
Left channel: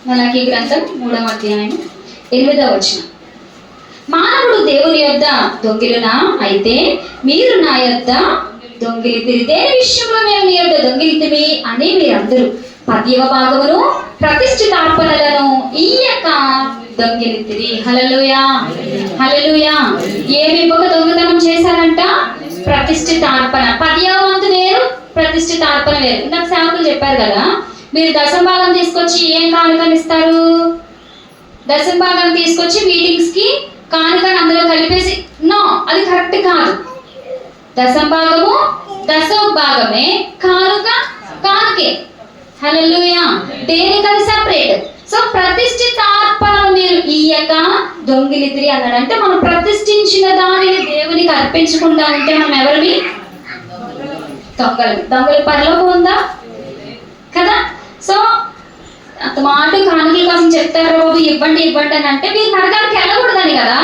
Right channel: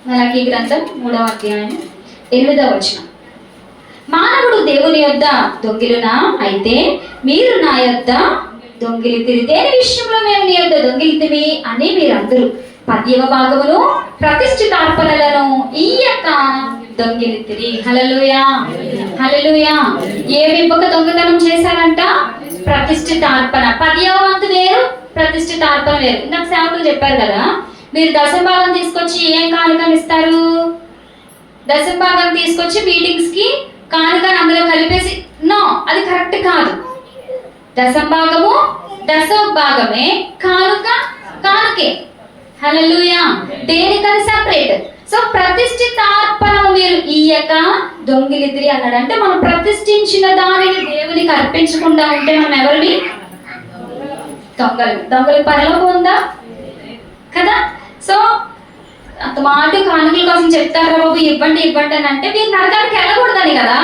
మలాకీ గ్రంథం 3వ అధ్యాయం 8వ వచనం, మానవుడు దేవుని యొద్ద దొంగిలునా? అయితే మీరు నా యొద్ద దొంగిలితిరి. దేని విషయంలో మేము నీ యొద్ద దొంగిలితిమి అని మీరందరూ 10వ భాగమును ప్రతిష్ఠితార్పణలను ఇయ్యక దొంగిలితిరి. హల్లెలూయా, హల్లెలూయా. ఏమి ఒక దొంగతనం చేశారంట? ప్రతిష్ఠితార్పణ. 10వ వంతు వేరు, ప్రతిష్ఠితార్పణ వేరు. ఇందాక సేవకులు చెప్పారు కదా, మీరు దశంభాగం తీసుకొచ్చి ఏం కానుకని ఇస్తారు? దశంభాగం తీసుకొచ్చి మీటింగ్స్ కి కానుకని అందులో కలిపేసి, నో, అది కరెక్ట్ కాదు. దశభాగమే, కానుక కానుకే. హల్లెలూయా. దేనికది సెపరేట్. సో ప్రతిష్ఠితార్పణ మీరు ఇయ్యక దొంగిలితిరి అన్నాడు. అంటే మనం ప్రతిష్ఠించిన దానిని దేవునికి అర్పించకుండా ఉంటే మనం ఎవరిని? దొంగలు పరలోకం ఉందా? కదా. సో అంత మాట కానుకల కోసం చెప్తారా బాబు, ఇవ్వండి ఇవ్వండి అని అంటే మీరు నరకానికి వెళ్ళకూడదని కదా.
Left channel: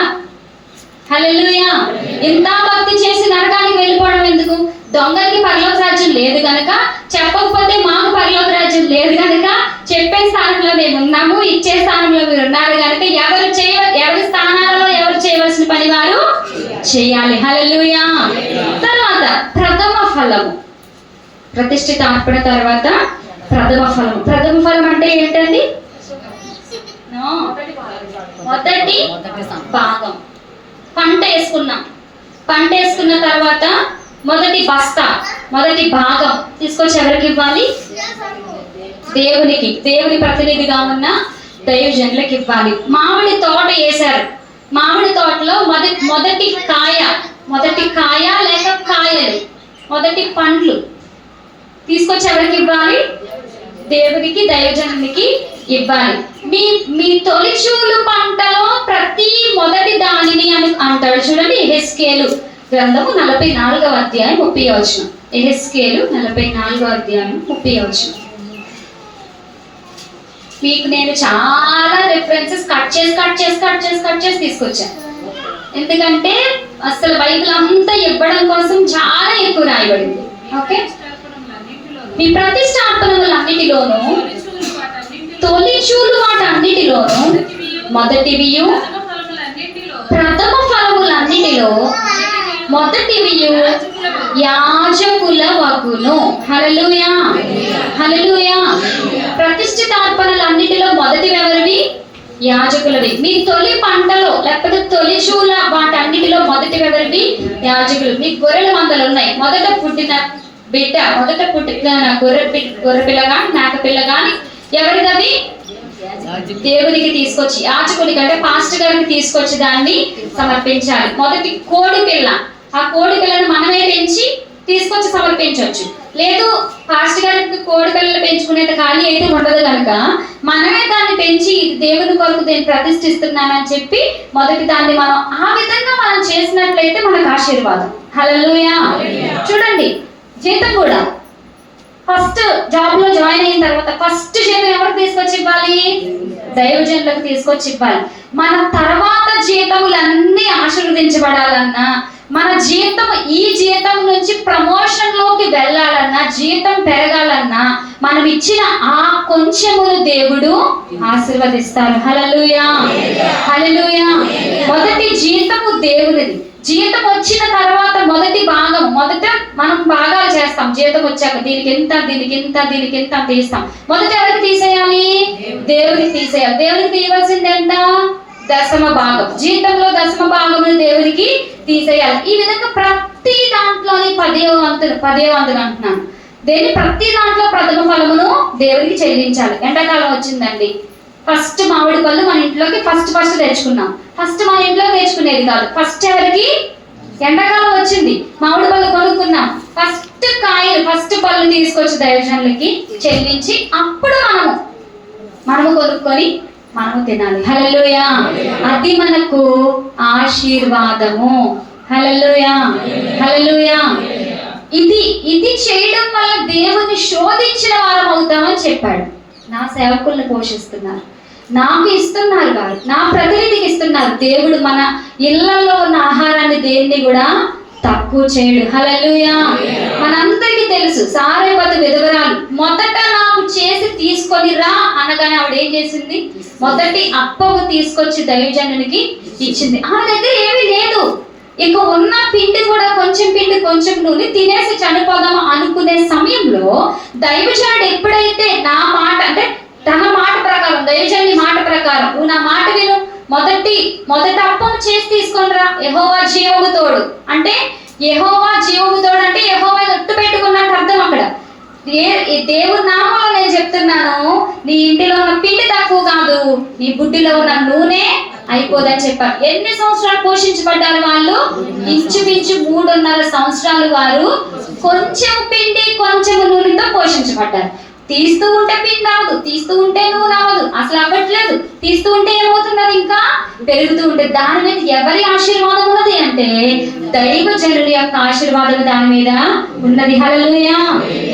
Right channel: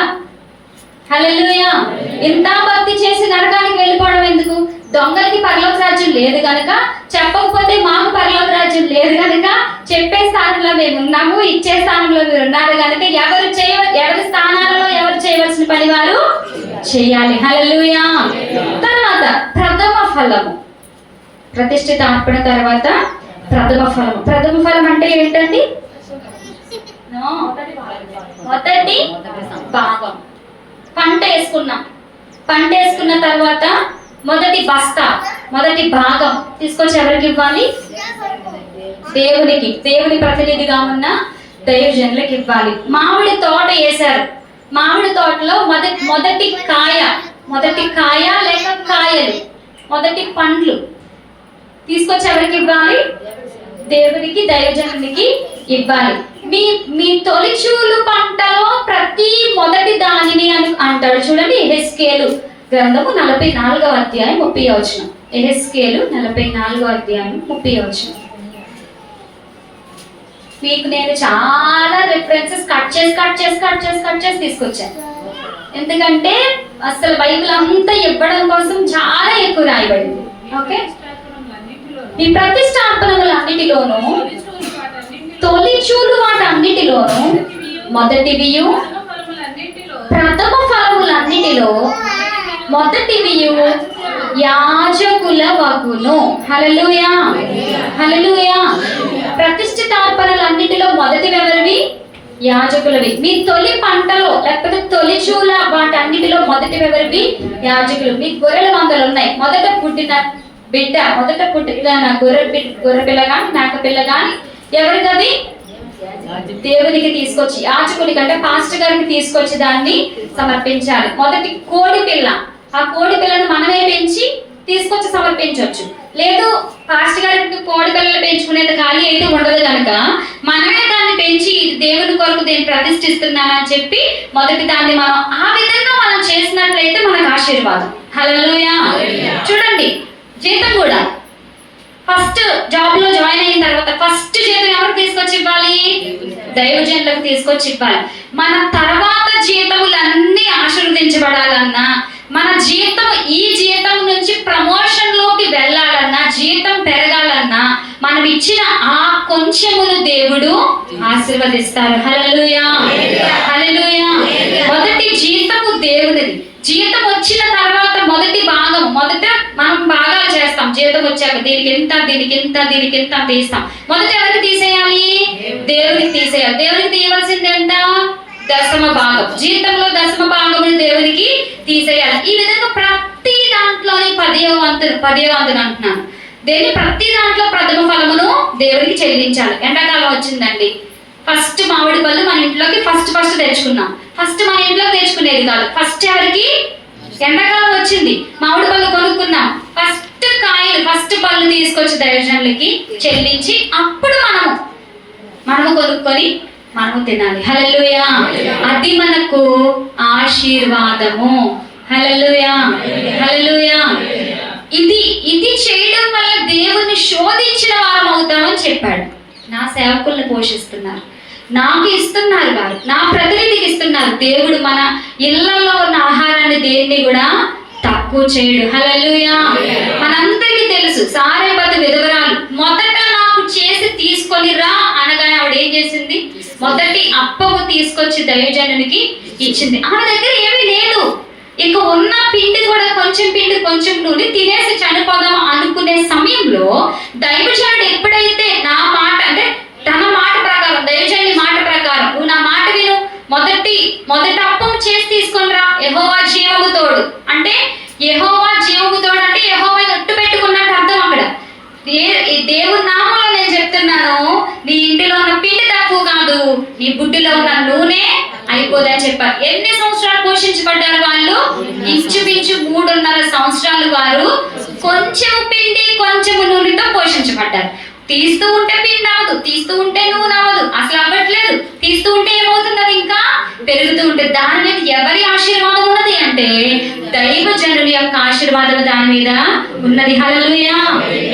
హల్లెలూయా. ఇంత భక్తి చేసి నరకానికి వెళ్ళిపోవడం ఎందుకు? దొంగలకి పరలోక రాజ్యం లేదు గనక, చెప్పకపోతే మాకు పరలోక రాజ్యం లేదు గనక, చెప్పే స్థానంలో మేము ఉన్నాము, ఇచ్చే స్థానంలో మీరు ఉన్నారు గనక ఎవరి స్థానాలలో ఎవరు చేయవలసిన పని వారు చేయాలి. హల్లెలూయా. తర్వాత ప్రథమ ఫలము. ప్రతిష్ఠిత అర్పణ తర్వాత ప్రథమ ఫలం. ప్రథమ ఫలం అంటే ఏంటండి? మొదటి భాగం. పంట వేసుకున్న తర్వాత మొదటి బస్తా, మొదటి భాగం తీసుకొచ్చి ఎవరికి ఇవ్వాలి? దేవునికి, దేవుని ప్రతినిధిగా ఉన్న దైవజనులకు ఇవ్వాలి. మామిడి తోట వేశారు, మామిడి తోటలో మొదటి కాయ లేక కాయలు, మొదటి పండ్లు తీసుకొచ్చి ఎవరికి ఇవ్వాలి? దేవునికి, దైవజనునికి ఇవ్వాలి. మీ తొలిచూలు పంటలో ప్రతి మొదటి దానిని అని అంటాడు. చూడండి, యెహెజ్కేలు గ్రంథము 44వ అధ్యాయం 30వ వచనం. యెహెజ్కేలు 44వ అధ్యాయం 30వ వచనం. మీకు నేను చాలా రిఫరెన్సెస్ కట్ చేసి తీసుకొచ్చాను. ఎందుకంటే అసలు బైబిల్ అంతా ఇవ్వడం కోసం చాలా ఎక్కువ రాయబడింది. ఓకే, ఈ ప్రతిష్ఠాపనములన్నిటిలోనూ, తొలిచూలు వాటన్నిటిలోనూ, మొదటివియు ప్రథమ ఫలములన్నిటిలో మొదటివియు యాజకుల వగును. హల్లెలూయా, హల్లెలూయా. ప్రతిష్ఠితార్పణలన్నిటిలో మొదటివి ఎవరివి? యాజకులవి. మీ తొలి పంటలో లేకపోతే తొలిచూల వాటన్నిటిలో మొదటివి ఎవరివి? యాజకులు. మీ గొర్రెల మందలు ఉన్నాయి, మొదట పుట్టిన గొర్రె పిల్ల గాని మేక పిల్ల గాని ఎవరిదవి? దేవునికి తీసుకొచ్చి, యాజకుడికి అంటే పాస్టర్ గారికి తీసుకొచ్చి దాన్ని సమర్పించాలి. మొదటి కోడి పిల్ల, ఆ కోడి పిల్లను మనమే పెంచి తీసుకొచ్చి సమర్పించవచ్చు. లేదు పాస్టర్ గారికి కోడి పిల్లలు పెంచుకునేది ఖాళీ అయితే ఉండదు కనుక మనమే దాన్ని పెంచి దేవుని కొరకు దీన్ని ప్రతిష్ఠిస్తున్నానని చెప్పి మొదటి దాన్ని మనం ఆ విధంగా మనం చేసినట్లయితే మనకు ఆశీర్వాదం. హల్లెలూయా. చూడండి, జీతం కూడా ఫస్ట్ జాబ్ లో జాయిన్ అయిన తర్వాత ఫస్ట్ జీతం ఎవరు తీసుకొచ్చి ఇవ్వాలి? దైవజనులకు తీసుకొచ్చి ఇవ్వాలి. మన తర్వాత జీతములన్నీ ఆశీర్వదించబడాలన్నా, మన జీతం ఈ జీతం నుంచి ప్రమోషన్ లోకి వెళ్ళాలన్నా, జీతం పెరగాలన్నా మనం ఇచ్చిన ఆ కొంచెమును దేవుడు ఆశీర్వదిస్తారు. హల్లెలూయా, హల్లెలూయా. మొదటి జీతము దేవునిది. జీతం వచ్చిన తర్వాత మొదటి భాగం, మొదట మనం భాగాలు చేస్తాం. జీతం వచ్చాక దీనికి ఎంత, దీనికి ఎంత, దీనికి ఎంత తీస్తాం. మొదట ఎవరికి తీసేయాలి? దేవునికి తీసేయాలి. దేవునికి తీయవలసింది ఎంత? దశమ భాగం. జీతంలో దశమ భాగం దేవునికి తీసేయాలి. ఈ విధంగా ప్రతి దాంట్లోని 10వ వంతును అంటున్నాను. దేని ప్రతి దాంట్లో ప్రథమ ఫలమును దేవునికి చెల్లించాలి. ఎండాకాలం వచ్చిందండి, ఫస్ట్ మామిడి పళ్ళు మన ఇంట్లోకి ఫస్ట్ తెచ్చుకున్నాం. ఫస్ట్ మన ఇంట్లో తెచ్చుకునేది కాదు. ఫస్ట్ ఎవరికి? ఎండాకాలం వచ్చింది, మామిడి పళ్ళు కొనుక్కున్నాం. ఫస్ట్ కాయలు, ఫస్ట్ పళ్ళు తీసుకొచ్చి దైవజనులకి చెల్లించి అప్పుడు మనము కొనుక్కొని మనము తినాలి. హల్లెలూయా. అది మనకు ఆశీర్వాదము. హల్లెలూయా, హల్లెలూయా. ఇది చేయడం వల్ల దేవుని శోధించిన వారం అవుతామని చెప్పాడు. నా సేవకుల్ని పోషిస్తున్నారు, నాకు ఇస్తున్నారు, వారు నా ప్రతినిధికి ఇస్తున్నారు. దేవుడు మన ఇళ్లలో ఉన్న ఆహారాన్ని దేన్ని కూడా తక్కువ చేయడు. హల్లెలూయా. మనందరికీ తెలుసు, సారేపతి విధవరాలు మొదట నాకు చేసి తీసుకొని రా అనగానే ఆవిడ ఏం చేసింది? మొదటి అప్పము తీసుకొచ్చి దైవజనునికి ఇచ్చింది. ఆమె దగ్గర ఏమీ లేదు, ఇక ఉన్న పిండి కూడా కొంచెం పిండి కొంచెం నూనె తినేసి చనిపోదాం అనుకునే సమయంలో దైవజనుడు ఎప్పుడైతే నా మాట, అంటే తన మాట ప్రకారం, దైవజనుని మాట ప్రకారం, నువ్వు నా మాట విను, మొదటి అప్పం చేసి తీసుకొని రా, యెహోవా జీవము తోడు అంటే, యెహోవా జీవము తోడు అంటే యెహోవా ఒట్టు పెట్టుకున్నట్టు అర్థం. అక్కడ దేవుని నామంలో నేను చెప్తున్నాను, నీ ఇంటిలో ఉన్న పిండి తక్కువ కాదు, నీ బుడ్డిలో ఉన్న నూనె అయిపోదని చెప్పారు. ఎన్ని సంవత్సరాలు పోషించబడ్డారు వాళ్ళు? ఇంచుమించు 3.5 సంవత్సరాలు వారు కొంచెం పిండి కొంచెం నూనెతో పోషించబడ్డారు. తీస్తూ ఉంటే పిండి అవ్వదు, తీస్తూ ఉంటే నూనె అవ్వదు, అసలు అవ్వట్లేదు. తీస్తూ ఉంటే ఏమవుతుంది? అది ఇంకా పెరుగుతూ ఉంటుంది. దాని మీద ఎవరి ఆశీర్వాదం ఉన్నది అంటే దైవజనుడి యొక్క ఆశీర్వాదం దాని మీద ఉన్నది. హల్లెలూయా.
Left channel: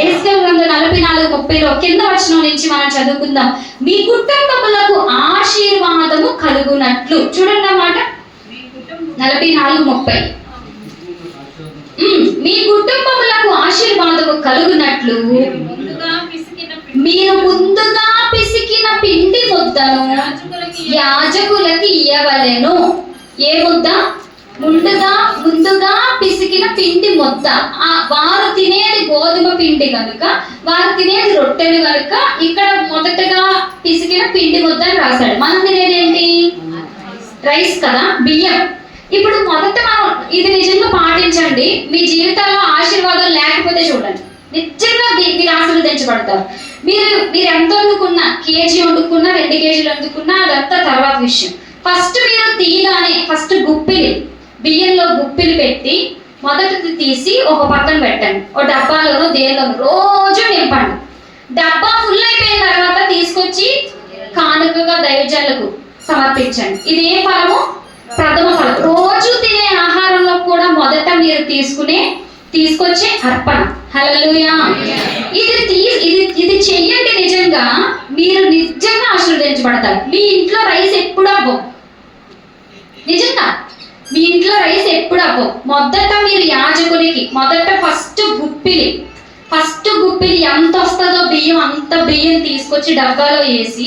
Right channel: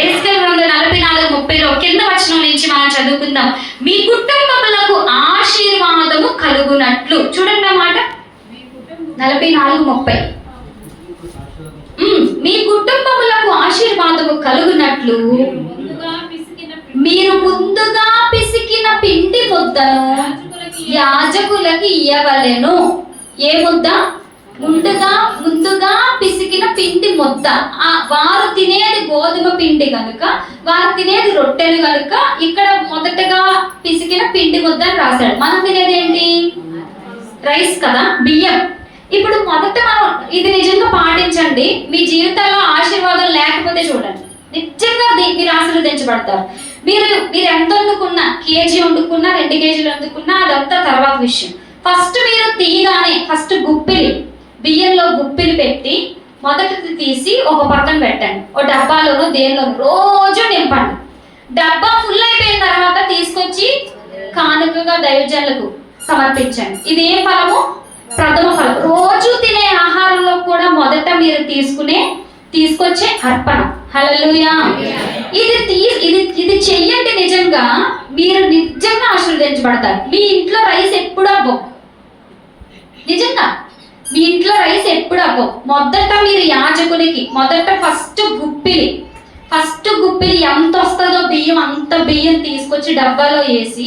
ఎస్కేల్ 44:30 కింద వచనం నుంచి మనం చదువుకుందాం. మీ కుటుంబములకు ఆశీర్వాదము కలుగునట్లు. చూడండి అన్నమాట, 44:30. మీ కుటుంబములకు ఆశీర్వాదము కలుగునట్లు మీరు ముందుగా పిసికిన పిండి ముద్దను యాజకులకి ఇయ్యవలెను. ఏ ముద్ద? ముందుగా పిసికిన పిండి ముద్ద. వారు తినేది గోధుమ పిండి కనుక, వారు తినేది రొట్టెలు కనుక ఇక్కడ మొదటగా పిసికిన పిండి ముద్ద అని రాశాడు. మనం తినేది ఏంటి? రైస్ కదా, బియ్యం. ఇప్పుడు మొదట మనం ఇది నిజంగా పాటించండి. మీ జీవితంలో ఆశీర్వాదం లేకపోతే చూడండి, నిజంగా మీరు ఆశీర్వదించబడతారు. మీరు ఎంత వండుకున్నా, కేజీ వండుకున్నా, 2 కేజీలు వండుకున్నా, అదంతా తర్వాత విషయం. ఫస్ట్ మీరు తీయగానే ఫస్ట్ బియ్యంలో గుప్పిలు పెట్టి మొదటిది తీసి ఒక పక్కన పెట్టండి. ఓ డబ్బాలోనో దేనిలోనో రోజు నింపండి. డబ్బా ఫుల్ అయిపోయిన తర్వాత తీసుకొచ్చి కానుకగా దైవజనులకు సమర్పించండి. ఇది ఏ ఫలము? ప్రథమ ఫలం. రోజు తినే ఆహారంలో కూడా మొదట మీరు తీసుకొచ్చే అర్పణ. హల్లెలూయా. ఇది చెయ్యండి, నిజంగా మీరు నిజంగా ఆశీర్వదించబడతారు. మీ ఇంట్లో రైస్ ఎప్పుడు అవ్వం, నిజంగా మీ ఇంట్లో రైస్ ఎప్పుడు అవ్వం. మొదట మీరు యాజకునికి మొదట ఫస్ట్ గుప్పిలి ఎంత వస్తుందో బియ్యం, అంత బియ్యం తీసుకొచ్చి డబ్బాలో వేసి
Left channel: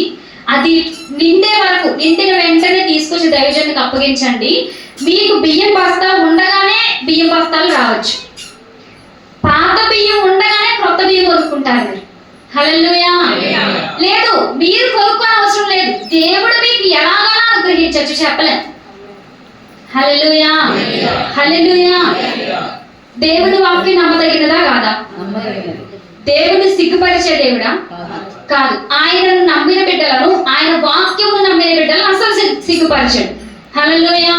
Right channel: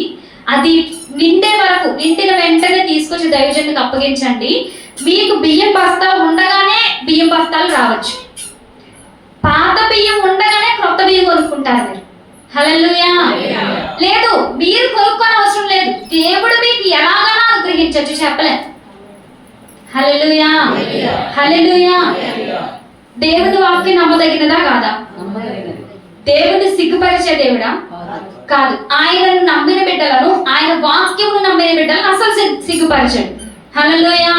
అది నిండే వరకు, నిండిన వెంటనే తీసుకొచ్చి దైవజనునికి అప్పగించండి. మీకు బియ్యం బస్తా ఉండగానే బియ్యం బస్తాలు రావచ్చు. పాత బియ్యం ఉండగానే కొత్త బియ్యం కొనుక్కుంటారు మీరు. హల్లెలూయా. లేదు, మీరు కొనుక్కోని అవసరం లేదు. దేవుడు మీకు ఎలాగైనా అనుగ్రహించచ్చు, చెప్పలేదు. హల్లెలూయా, హల్లెలూయా. దేవుని వాక్యం నమ్మదగినదా కాదా? దేవుడు సిగ్గుపరిచే దేవుడా? కాదు. ఆయనను నమ్మిన బిడ్డలను, ఆయన వాక్యమును నమ్మిన బిడ్డలను అసలు సిగ్గుపరిచాడు. హల్లెలూయా.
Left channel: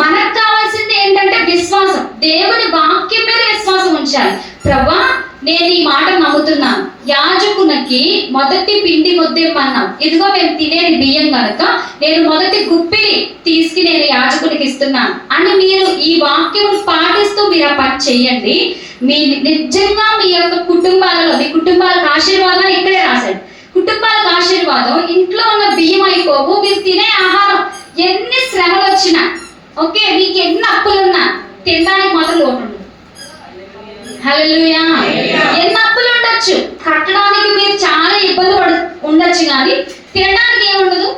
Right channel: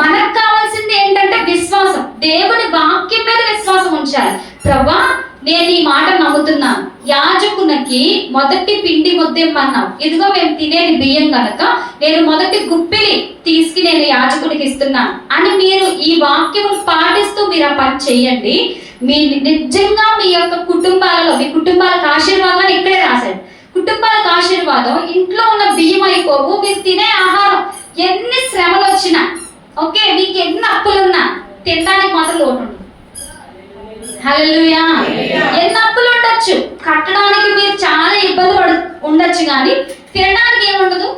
మనకు కావాల్సింది ఏంటంటే విశ్వాసం. దేవుని వాక్యం మీద విశ్వాసం ఉంచాలి. ఉంచాలి. ప్రభా, నేను ఈ మాట నమ్ముతున్నాను, యాజకునికి మొదటి పిండి ముద్ద ఇమ్మన్నావు, ఇదిగో మేము తినేది బియ్యం కనుక నేను మొదటి గుప్పిలి తీసుకు నేను యాజకునికి ఇస్తున్నాను అని మీరు ఈ వాక్యమును పాటిస్తూ మీరు ఆ పని చెయ్యండి. మీ నిజంగా మీ యొక్క కుటుంబాలలో, మీ కుటుంబాలకు ఆశీర్వాదాలు ఇక్కడే రాశాడు. కుటుంబాలకు ఆశీర్వాదం, ఇంట్లో ఉన్న బియ్యం అయిపోవు, మీరు తినే ఆహారం ఎన్ని శ్రమలు వచ్చినా, ఓకే, మీకు ఎన్ని అప్పులున్నా తినడానికి మాత్రం లోటు ఉండదు. హల్లెలూయా. ఎన్ని అప్పులు ఉండొచ్చు, కట్టడానికి మీరు చాలా ఇబ్బంది ఉండొచ్చు, కానీ తినడానికి ఏముండదు,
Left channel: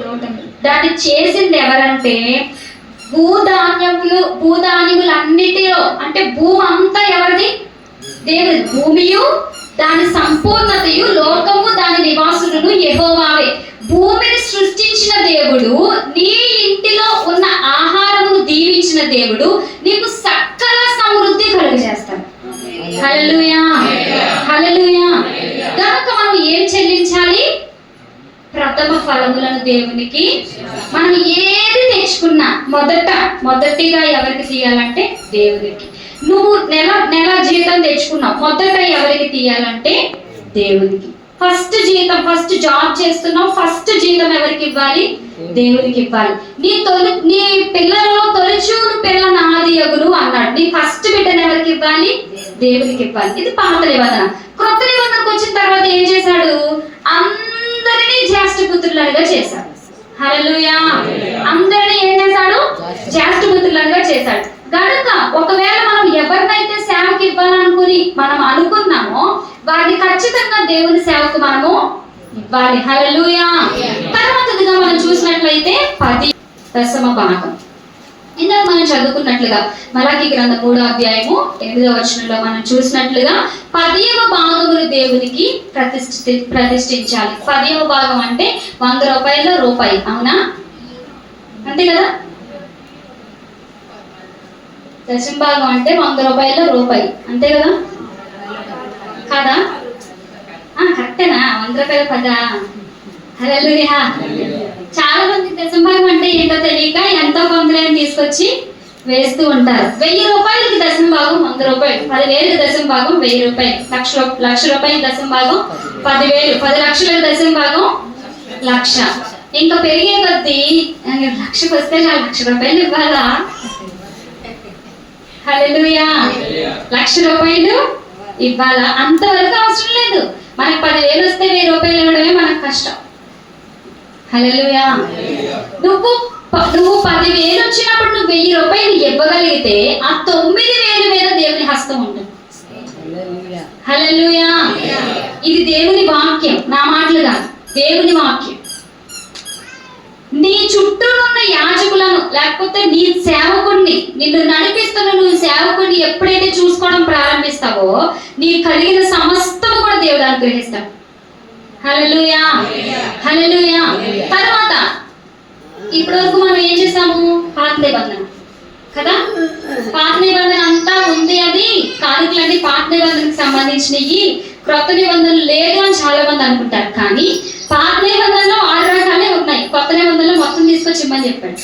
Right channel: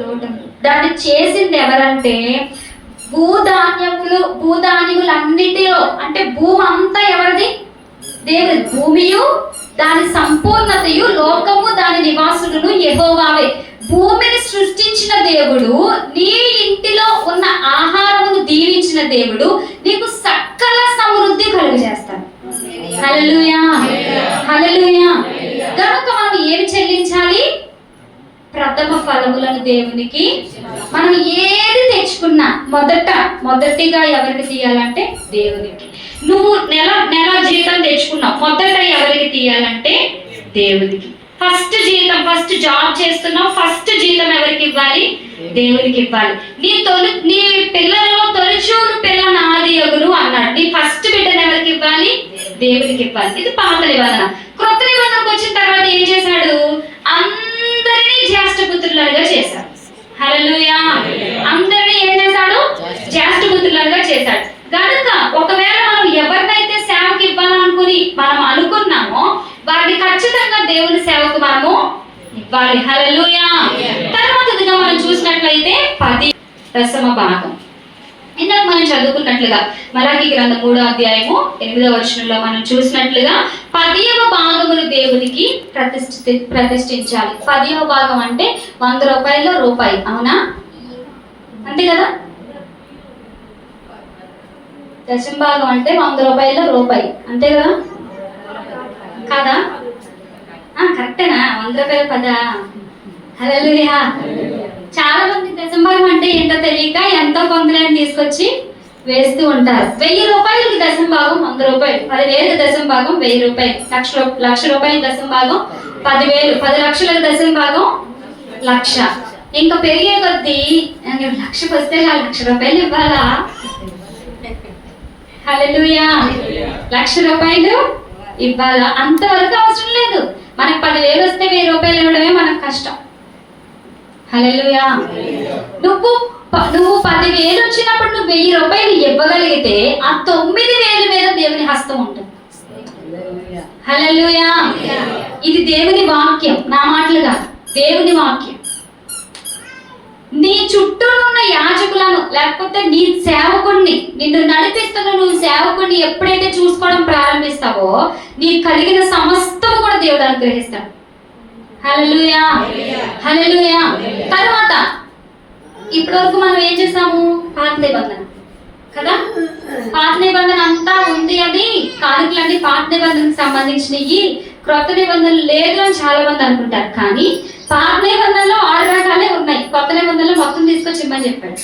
లోటు ఉండదు. దాన్ని చేసింది ఎవరంటే భూధాన్యములు అన్నిటిలో, అంటే భూమి అంతా ఎవరిది? దేవుడి. భూమియు దాని సంపూర్ణతయు, లోకము దాని నివాసులను యెహోవావే. భూమిని సృష్టించిన దేవుడు, నీ ఇంటిలో ఉన్న ఆహారమును దీవించిన దేవుడు నీకు సకల సమృద్ధి కలుగజేస్తాడు. హల్లెలూయా, హల్లెలూయా. కనుక మనం ఏం చెల్లించాలి? ప్రథమ ఫలములను దేవునికి. మనం ఏది తెచ్చుకున్నా మొదటిగా ఎవరికి తీయాలంటే దేవునికి. నువ్వు నెల జీతం తెచ్చుకున్నావు, మొదట ఎవరికి తీయాలంటే దేవునికి. ఫస్ట్ జీతం, ఫస్ట్ జాబ్ చేస్తున్నావు, ఫస్ట్ జీతం ఎవరికి ఇవ్వాలి? దేవునికి ఇవ్వాలి. నీ పిల్లలలో తొలిచూలు పిల్ల నాది యగును అన్నాడు. నీ ఫస్ట్ బిడ్డను ఎవరికి ఇవ్వాలి? దేవునికి ఇవ్వాలి. ఇది పాత నిబంధన. క్రొత్త నిబంధనకు వచ్చిన తర్వాత ఏం చేశాడు? అందరినీ జ్యేష్ఠపుత్రులుగా చేశాడు. హల్లెలూయా. అందరినీ ఏం చేశాడు? జ్యేష్ఠపుత్రులుగా చేశాడు. కనుక ఒకవేళ మనం ఎవరినైతే సేవకి ఇవ్వాలనుకుని మనం అనుకున్నామో వారిని ఖచ్చితంగా దేవుని సేవకు మనము ఇవ్వాలి. హల్లెలూయా. తర్వాతగా మనం చూసినట్లయితే 10వ భాగం. ఇందాక మనం చదువుకున్నట్లుగా మలాకీ గ్రంథం 3వ అధ్యాయము 8వ వచనంలో మనం చూసినట్లుగా 10వ భాగమును దేవునికి ప్రతిష్ఠించాలి. 10వ భాగం అంటే 100 రూపాయల రూపాయి, అవునా? అంతే కదా. దశమ భాగం అంటే 100 రూపాయల రూపాయి, అంతే కదా? కదా? కరెక్టేనా? 100 రూపాయల 10. హల్లెలూయా. చాలా మంది దశమ భాగం అంటే ఏంటో తెలియక ఎంతో కొందరు తీసుకొచ్చి వేస్తూ ఉంటారు. 1000 రూపాయలకి దశమ భాగం 100 రూపాయలు, 10,000 దశమ భాగం 1000 రూపాయలు, లక్ష రూపాయల దశమ భాగం 10,000, 10 లక్షలకు దశమ భాగం 1,00,000. ఇంకా పెరిగే కొద్దీ 1,00,000కి వస్తే 1,00,000 రూపాయలు ఇవ్వాలా? హల్లెలూయా. 1,00,000 రూపాయలు ఇవ్వాలా? అంతవరకు అవసరం లేదు. మనకు 10,000 వస్తే 1,000 రూపాయలు ఇవ్వడమే మనకు కష్టం. హల్లెలూయా. నువ్వు 10,000 వచ్చినప్పుడు నువ్వు 1,000 రూపాయలు ఇవ్వగలిగితే ఆ 9,000 మీద దేవుని హస్తం ఉంటుంది. హల్లెలూయా. ఇది దేవుని వాక్యం, నా మాటలు కాదు, దేవుని వాక్యం. నీ చుట్టూ ఉన్న యాజకులను, లేకపోతే నీ సేవకుడిని, నిన్ను నడిపిస్తున్న నువ్వు సేవకుడిని ఎప్పుడైతే చూసుకోవడం ప్రారంభిస్తావో నీకు కలిగిన సమస్తము కూడా దేవుడు అనుగ్రహిస్తాడు. హల్లెలూయా, హల్లెలూయా. తర్వాత ఇప్పటి వరకు మనం ఏం చేసాము? పాత నిబంధన కదా. పాత నిబంధన అంతా ఉంది, అది కానుకలన్నీ పాత నిబంధనకు సంబంధించినవి, క్రొత్త నిబంధనలు లేదు అని చాలా మంది అనుకుంటారు. కానీ పాత నిబంధనలో 6 రకాలే ఉన్నాయి, కొత్త నిబంధనలు మొత్తం తీసుకొచ్చి ఇమ్మని చెప్పాడు.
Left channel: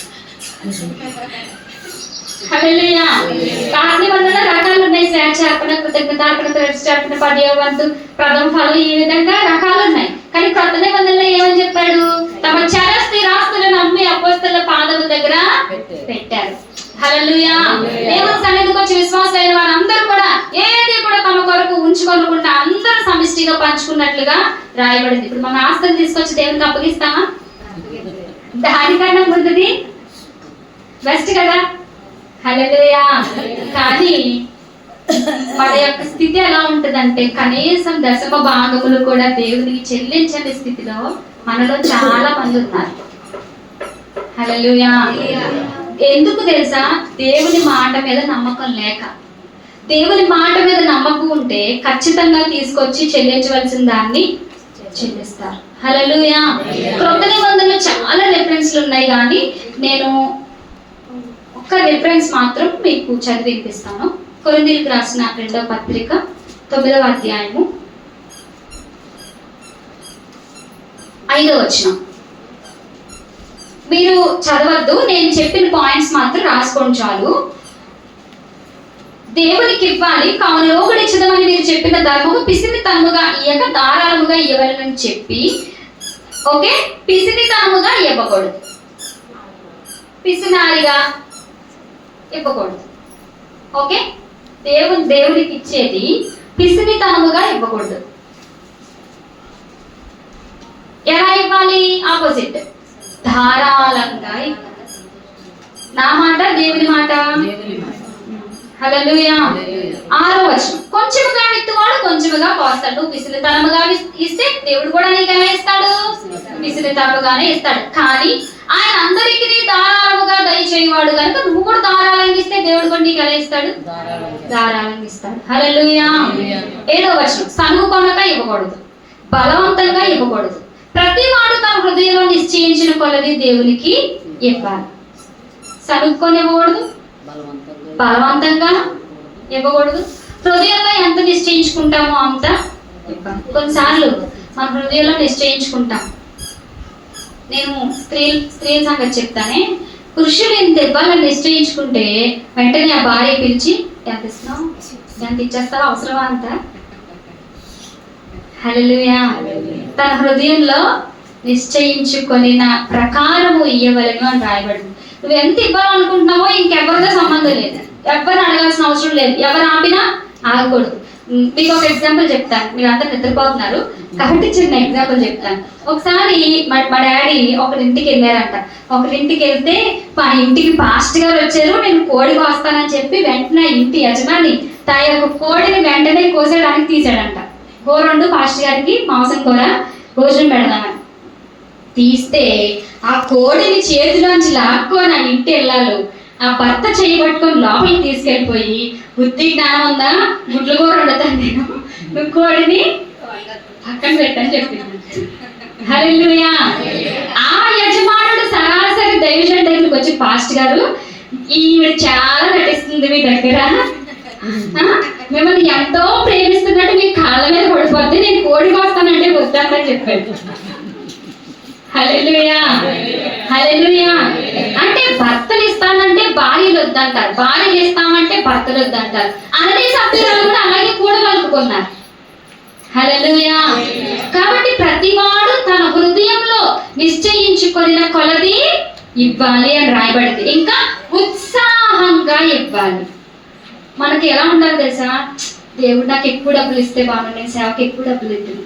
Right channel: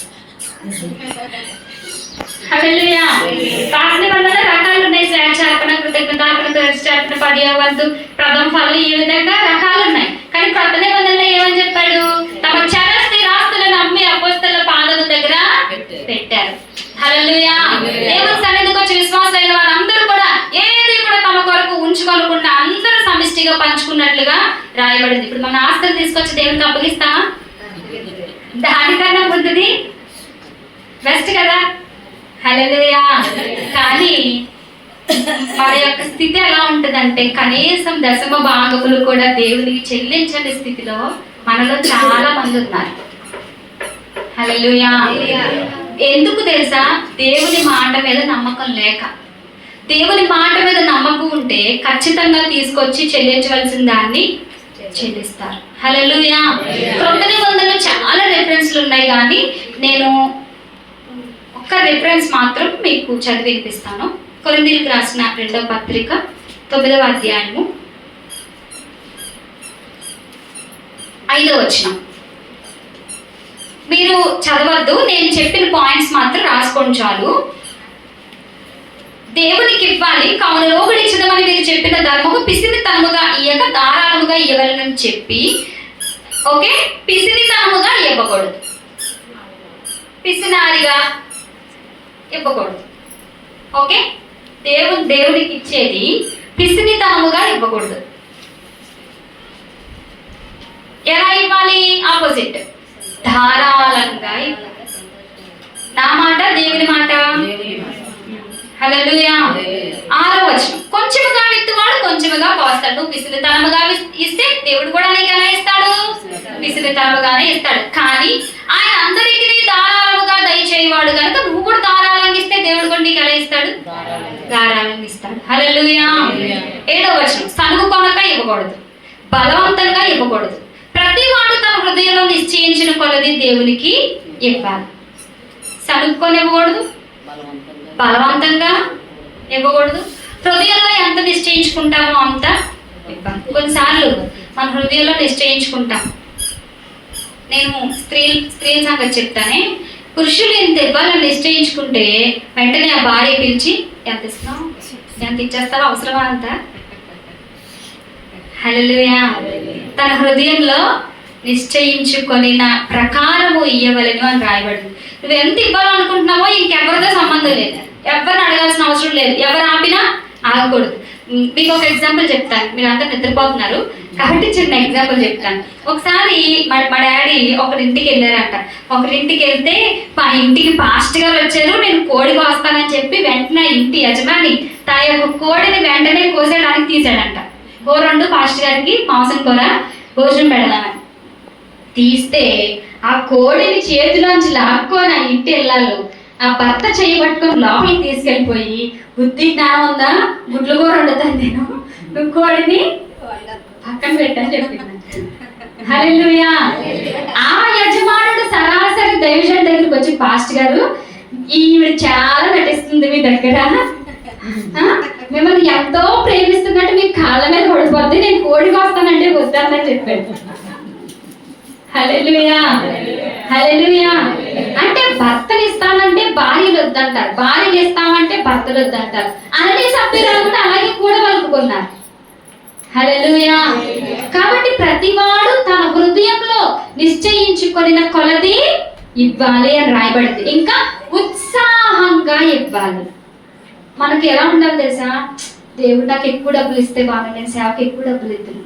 హల్లెలూయా. పాత నిబంధనలో రకాలు ఉన్నాయి, స్వేచ్ఛార్పణ, కృతజ్ఞతార్పణ, ప్రతిష్ఠార్పణ, 10వ వంతు, ప్రథమ ఫలం, ఈ విధంగా రకాలు ఉన్నాయి. కానీ క్రొత్త నిబంధనలో ఏమని చెప్పాడు? తమ చర స్థిరాస్తులను అమ్మి అపోస్తలుల పాదముల దగ్గర పెట్టారు. హల్లెలూయా. దేవుని సన్నిధికి వచ్చి విశ్వాసులైన వారందరూ కూడా ఏది కూడా తమ కొరకు ఉంచుకోకుండా అందరూ సమిష్టిగా పంచుకున్నట్లుగా రాయబడింది. ఇప్పుడు మన ఆస్తులు తీసుకొచ్చి దేవునికి అప్పగిస్తామా? దానికన్నా ముందుది బెస్ట్ కదా. హల్లెలూయా. కానీ మన యొక్క స్థితి ఎలా ఉంటుందంటే కనీసం దశమ భాగములు కూడా దేవునికి చెల్లించని స్థితిలో మనలో చాలా మంది ఉన్నారు. హల్లెలూయా. ఎందుకు తెలుసా? దేవుని మాట మీద నమ్మకం లేక. దేవుని మాట మీద నమ్మకం ఉంటే ఖచ్చితంగా తీసుకొచ్చి చెల్లించవలసిన దాన్ని చెల్లిస్తారు. హల్లెలూయా. క్రొత్త నిబంధనలో చాలా రెఫరెన్స్లు ఉన్నాయి, కానీ నేను ఒక్క రెఫరెన్స్ మాత్రం మీకు చదివి వినిపిస్తాను. కొరింథీయులకు రాసిన 2వ పత్రిక 9వ అధ్యాయము 5వ వచనం. మీరు చదవద్దు, నేను చెప్పిన పాయింట్స్ మాత్రం రాసుకోండి చాలు. దేవునికి ఇవ్వాలి, కావున లోకుడు ఇచ్చదమని మీరు చెప్పిన ధర్మము పిసినితనముగా ఇయ్యక ధారాళముగా ఇవ్వగలనని చెప్పి, ఓకే, పిసినితనముగా ఇవ్వకూడదు, పిసినారిగా ఇవ్వకూడదు. ఓకే, దేవుడికి ఇచ్చేది పిసినితనముగా ఇవ్వకూడదు. ఎలా ఇవ్వాలి? ఆపోజిట్, ధారాళంగా ఇవ్వాలి. నా మాట దేవుని మాట. హల్లెలూయా. 6వ వచనం, కొంచెముగా విత్తువాడు కొంచెముగా కోస్తాడు. నువ్వు పిసినితనముగా ఇస్తే దేవుడు కూడా నీకు ఎలా ఇస్తాడు? పిసినితనముగానే ఇస్తాడు. కానీ ఆయన అందరికీ ధారాళముగా దయచేయవాడు కనుక నువ్వు కూడా ధారాళంగా ఇస్తే దేవుడు కూడా నీకు ఎలా ఇస్తాడు? ధారాళంగా ఇస్తాడు. హల్లెలూయా. 7వ వచనం, సనుగు కొనక ఇవ్వకూడదు, బలవంతంగా ఇవ్వకూడదు. ప్రతి వాడు తన హృదయంలో నిశ్చయించిన కొలది దేవునికి ఇవ్వాలి. సనుక్కొని ఇవ్వకూడదు, బలవంతంగా ఇవ్వకూడదు. హృదయంలో ఎంత నిశ్చయించుకుంటామో అంత ఇవ్వాలి. కొన్నిసార్లు మన హృదయంలో నిశ్చయించుకుంటాం. నేను స్త్రీల సంగతి చెప్తానే, పురుషులు ఎంత ఇవ్వాలని నిశ్చయించుకుంటే వెంటనే ఆ భార్య పిలిచి ఎంత ఇస్తున్నావు, ఎంత ఇచ్చేస్తారో అవసరమా అంత. హల్లెలూయా. తన హృదయంలో నిశ్చయించుకొనిన ప్రకారము ఇయ్యవలెను అని రాయబడింది. నువ్వు ఎంత ఇవ్వాలనుకుంటున్నావో ఇంకెవరితో సంబంధం లేదు, ఎవరిని అడగాల్సిన అవసరం లేదు, ఎవరు ఆపినా ఆగకూడదు. మీకు ఒక ఎగ్జాంపుల్ చెప్తాను, మీరు అంతా నిద్రపోతున్నారు కాబట్టి చిన్న ఎగ్జాంపుల్ చెప్తాను. ఒకసారి మా డాడీ ఒకరింటికి వెళ్ళారంట. ఒకరింటికి వెళ్తే మా ఇంటికి పాస్ట్ గారు వచ్చారు, నేను కోడి కోస్తానని చెప్పి వెంటనే ఇంటి యజమాని తన యొక్క కోడిని వెంటనే కోసేయడానికి తీసాడంట. కూర పాస్ట్ గారికి మాంసం కూర భోజనం పెడదామని తీస్తే ఆ కోడిని చేతిలోంచి లాక్కొని ఆ ఇంటి వెళ్ళాలి. ఆ భర్త చేయబట్టుకొని లోపలికి తీసుకెళ్ళిపోయి, బుద్ధి జ్ఞానం ఉందా, గుడ్లు కూర వండుతాను నేను, నువ్వు కోడిని పక్కన పెట్టని చెప్పింది. హల్లెలూయా. ఆ యజమానుడు సరాసరి దైవజనుడి దగ్గరికి వచ్చి, పాస్ట్ గారు ఈవిడ చాలా నటిస్తుంది మీ దగ్గర, మిమ్మల్ని ఎంతో ప్రేమిస్తున్నట్టు మీ కాళ్ళ మీద పడిపోద్ది, నేను కోడి కోస్తానంటే వద్దామని చెప్పాడు. హల్లెలూయా. హల్లెలూయా. అంటే భర్తలు ఇస్తానంటే భార్యలు వద్దంటారు, భార్యలు ఇస్తామంటే భర్తలు వద్దంటారు. అన్ని సభ్యులు కూడా అలాగే కూడా కలుపుకున్నారు. హల్లెలూయా. కాబట్టి ప్రతివాడు తన హృదయంలో నిశ్చయించుకొనిన కొలది ఇవ్వాలి అని రాయబడింది. ఇంకా ఉత్సాహంగా ఇవ్వాలి. మనకి ఎలా ఉండాలి తెలుసా? దేవుడు నాకు ఎక్కువ డబ్బులు ఇస్తే బాగుంది, నేను సేవకి ఎక్కువ డబ్బులు ఇద్దాను.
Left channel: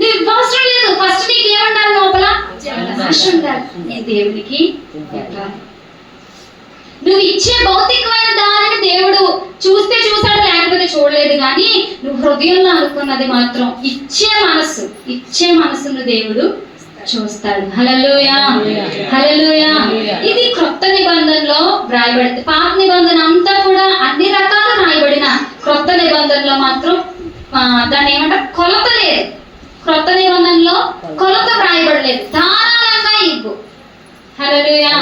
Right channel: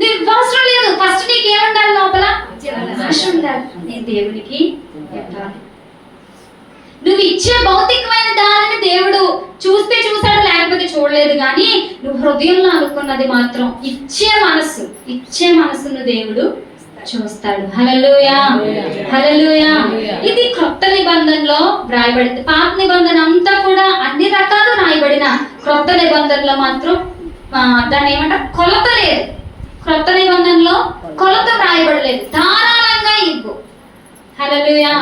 నీకు అవసరం లేదు, ఫస్ట్ నీకు ఏముండాలి? లోపల ఆశ ఉండాలి, నేను దేవునికి ఇవ్వాలి. నువ్వు ఇచ్చే భౌతికమైన దానిని దేవుడు చూస్తే చూసాడు, లేకపోతే చూడలేదు. కానీ నువ్వు హృదయంలో అనుకున్నది మాత్రం ఇచ్చే మనస్సును దేవుడు చూస్తాడు. హల్లెలూయా. హల్లెలూయా. ఇది క్రొత్త నిబంధనలో రాయబడింది. పాత నిబంధన అంతా కూడా అన్ని రకాలు రాయబడిన, క్రొత్త నిబంధనలో మాత్రం దాన్ని ఏమంటారు, కొలత లేదు. క్రొత్త నిబంధనలో కొలత రాయబడలేదు, ధారాళంగా ఇవ్వు. హల్లెలూయా.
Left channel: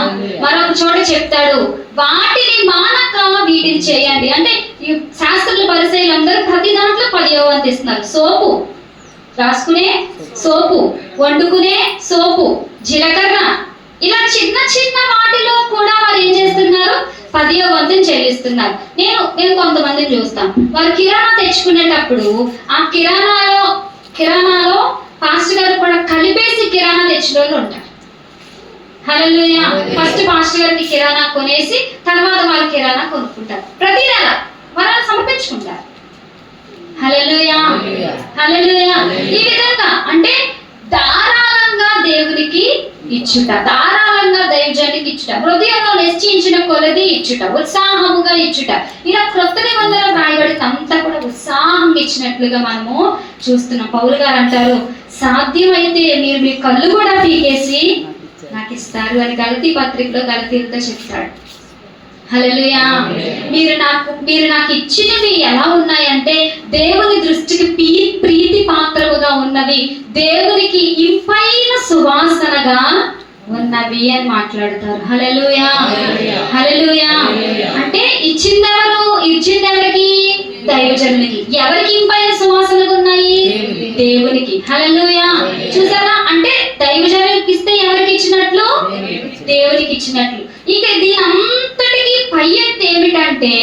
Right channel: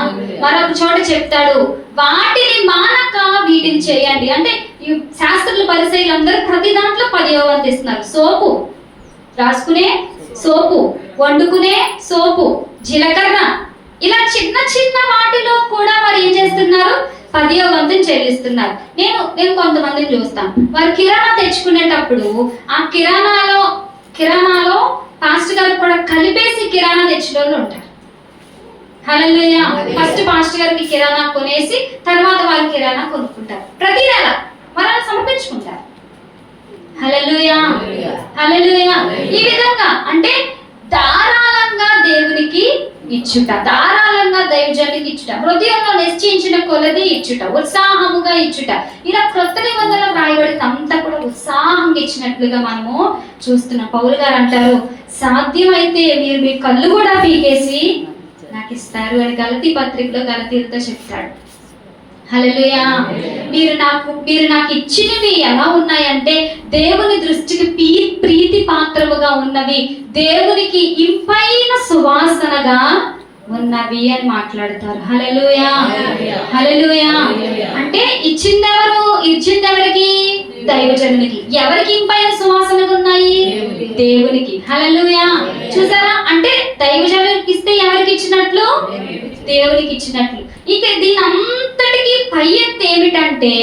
మరొక చోట చెప్తాడు, వాటిని మానక వీటిని చేయండి. అంటే ఈ శాస్త్రులు పరిసయ్యులందరూ ప్రతి దాంట్లో 10వ వంతు ఇస్తున్నారు. సోపు రాసుకునే సోపు, వండుకునే సోపు, జీలకర్ర, ఇలా చిన్న చిన్న వాటిలో కూడా వారు ఏం చేస్తున్నారు? 10వ వంతుని చెల్లిస్తున్నారు. నేను కొంతమందిని చూస్తాను, వారు కిరాణా తెచ్చుకునేటప్పుడు ఆ కిరాణాలో పాస్టర్ గారు కూడా కలిపేసి కిరాణా తెచ్చిన వాళ్ళు ఉంటారు. హల్లెలూయా. ఫస్ట్ పాస్టర్ గారికి కిరాణా కొనేసి తర్వాత వాళ్ళు కిరాణా కొనుక్కుంటారు. ప్రతి నెల వాళ్ళు సమర్పించుకుంటారు. హల్లెలూయా. హల్లెలూయా. ఈ విధంగా అంటే ధారాళంగా దేవునికి ఇచ్చుట, ధారాళంగా దైవజనునికి ఇచ్చుట, హృదయంలో నిశ్చయించిన కొలది ఇచ్చుట, ఉత్సాహముగా ఇచ్చుట. ఇలా క్రొత్త నిబంధనలో రాయబడితే అంతా కూడా ఉత్సాహంగా ఇచ్చినట్లుగా మనము చూస్తున్నాం. పౌలు గారు అంటారు, సాధ్యమైతే మీరు మీ కళ్ళు కూడా పీకేసి నాకు ఇస్తారు అని గలతీ పత్రికలో గలతీలతో చెప్తాడు. హల్లెలూయా. మీరు నాకు ఇచ్చినవి ఎలా ఉన్నాయంటే దేవుని దృష్టికి ప్రీతి పాత్రముగా ఉన్నవి, దేవునికి ఇంపైన సువాసనగా ఉన్నవి అని మాట్లాడతారు. హల్లెలూయా. హల్లెలూయా. అంటే ఇచ్చిందెవరికి? దైవజనునికి. ఎవరికి ఇంపైన సువాసనగా ఉన్నాయి? దేవునికి. హల్లెలూయా. చూసారా? అంటే దైవజనునికి ఇస్తే ఎవరికి ఇచ్చినట్లు? దేవునికి ఇచ్చినట్లు. ఇక దీని అంతటికి పై ఎత్తు ఏమిటంటే అంటే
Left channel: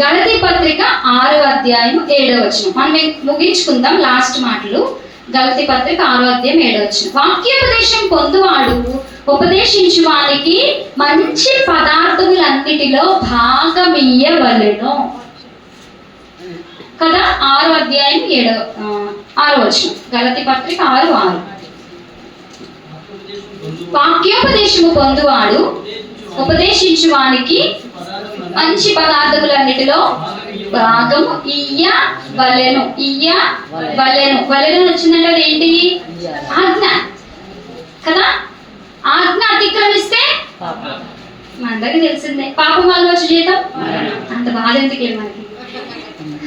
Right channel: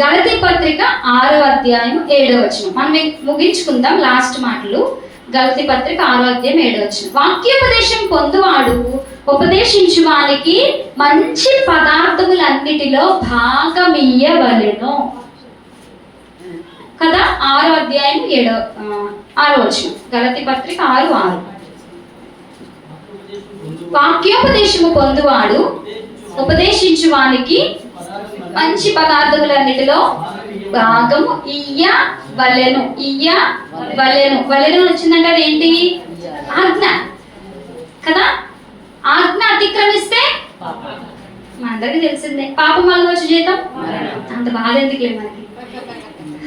గలతీ పత్రిక 6వ అధ్యాయం 7వ వచనం. మనం ముగించుకుందాం లాస్ట్ మాటలు. గలతీ పత్రిక 6వ అధ్యాయం 7వ వచనం. వాక్యోపదేశం పొందువాడు ఉపదేశించు వానికి మంచి పదార్థములన్నిటిలో భాగమియ్యవలెను కదా. 6వ అధ్యాయం 6వ వచనం. గలతీ పత్రిక 6:6. వాక్యోపదేశము పొందువాడు ఉపదేశించు వానికి మంచి పదార్థములన్నిటిలో భాగము ఇయ్యవలెను. వలెను వచ్చిందంటే అదేంటి? ఆజ్ఞ కదా. ఆజ్ఞ అతిక్రమిస్తే మనందరికీ తెలిసిందే, పాపం వల్ల వచ్చే జీతం అంత బాధ ఎందుకే మనకి.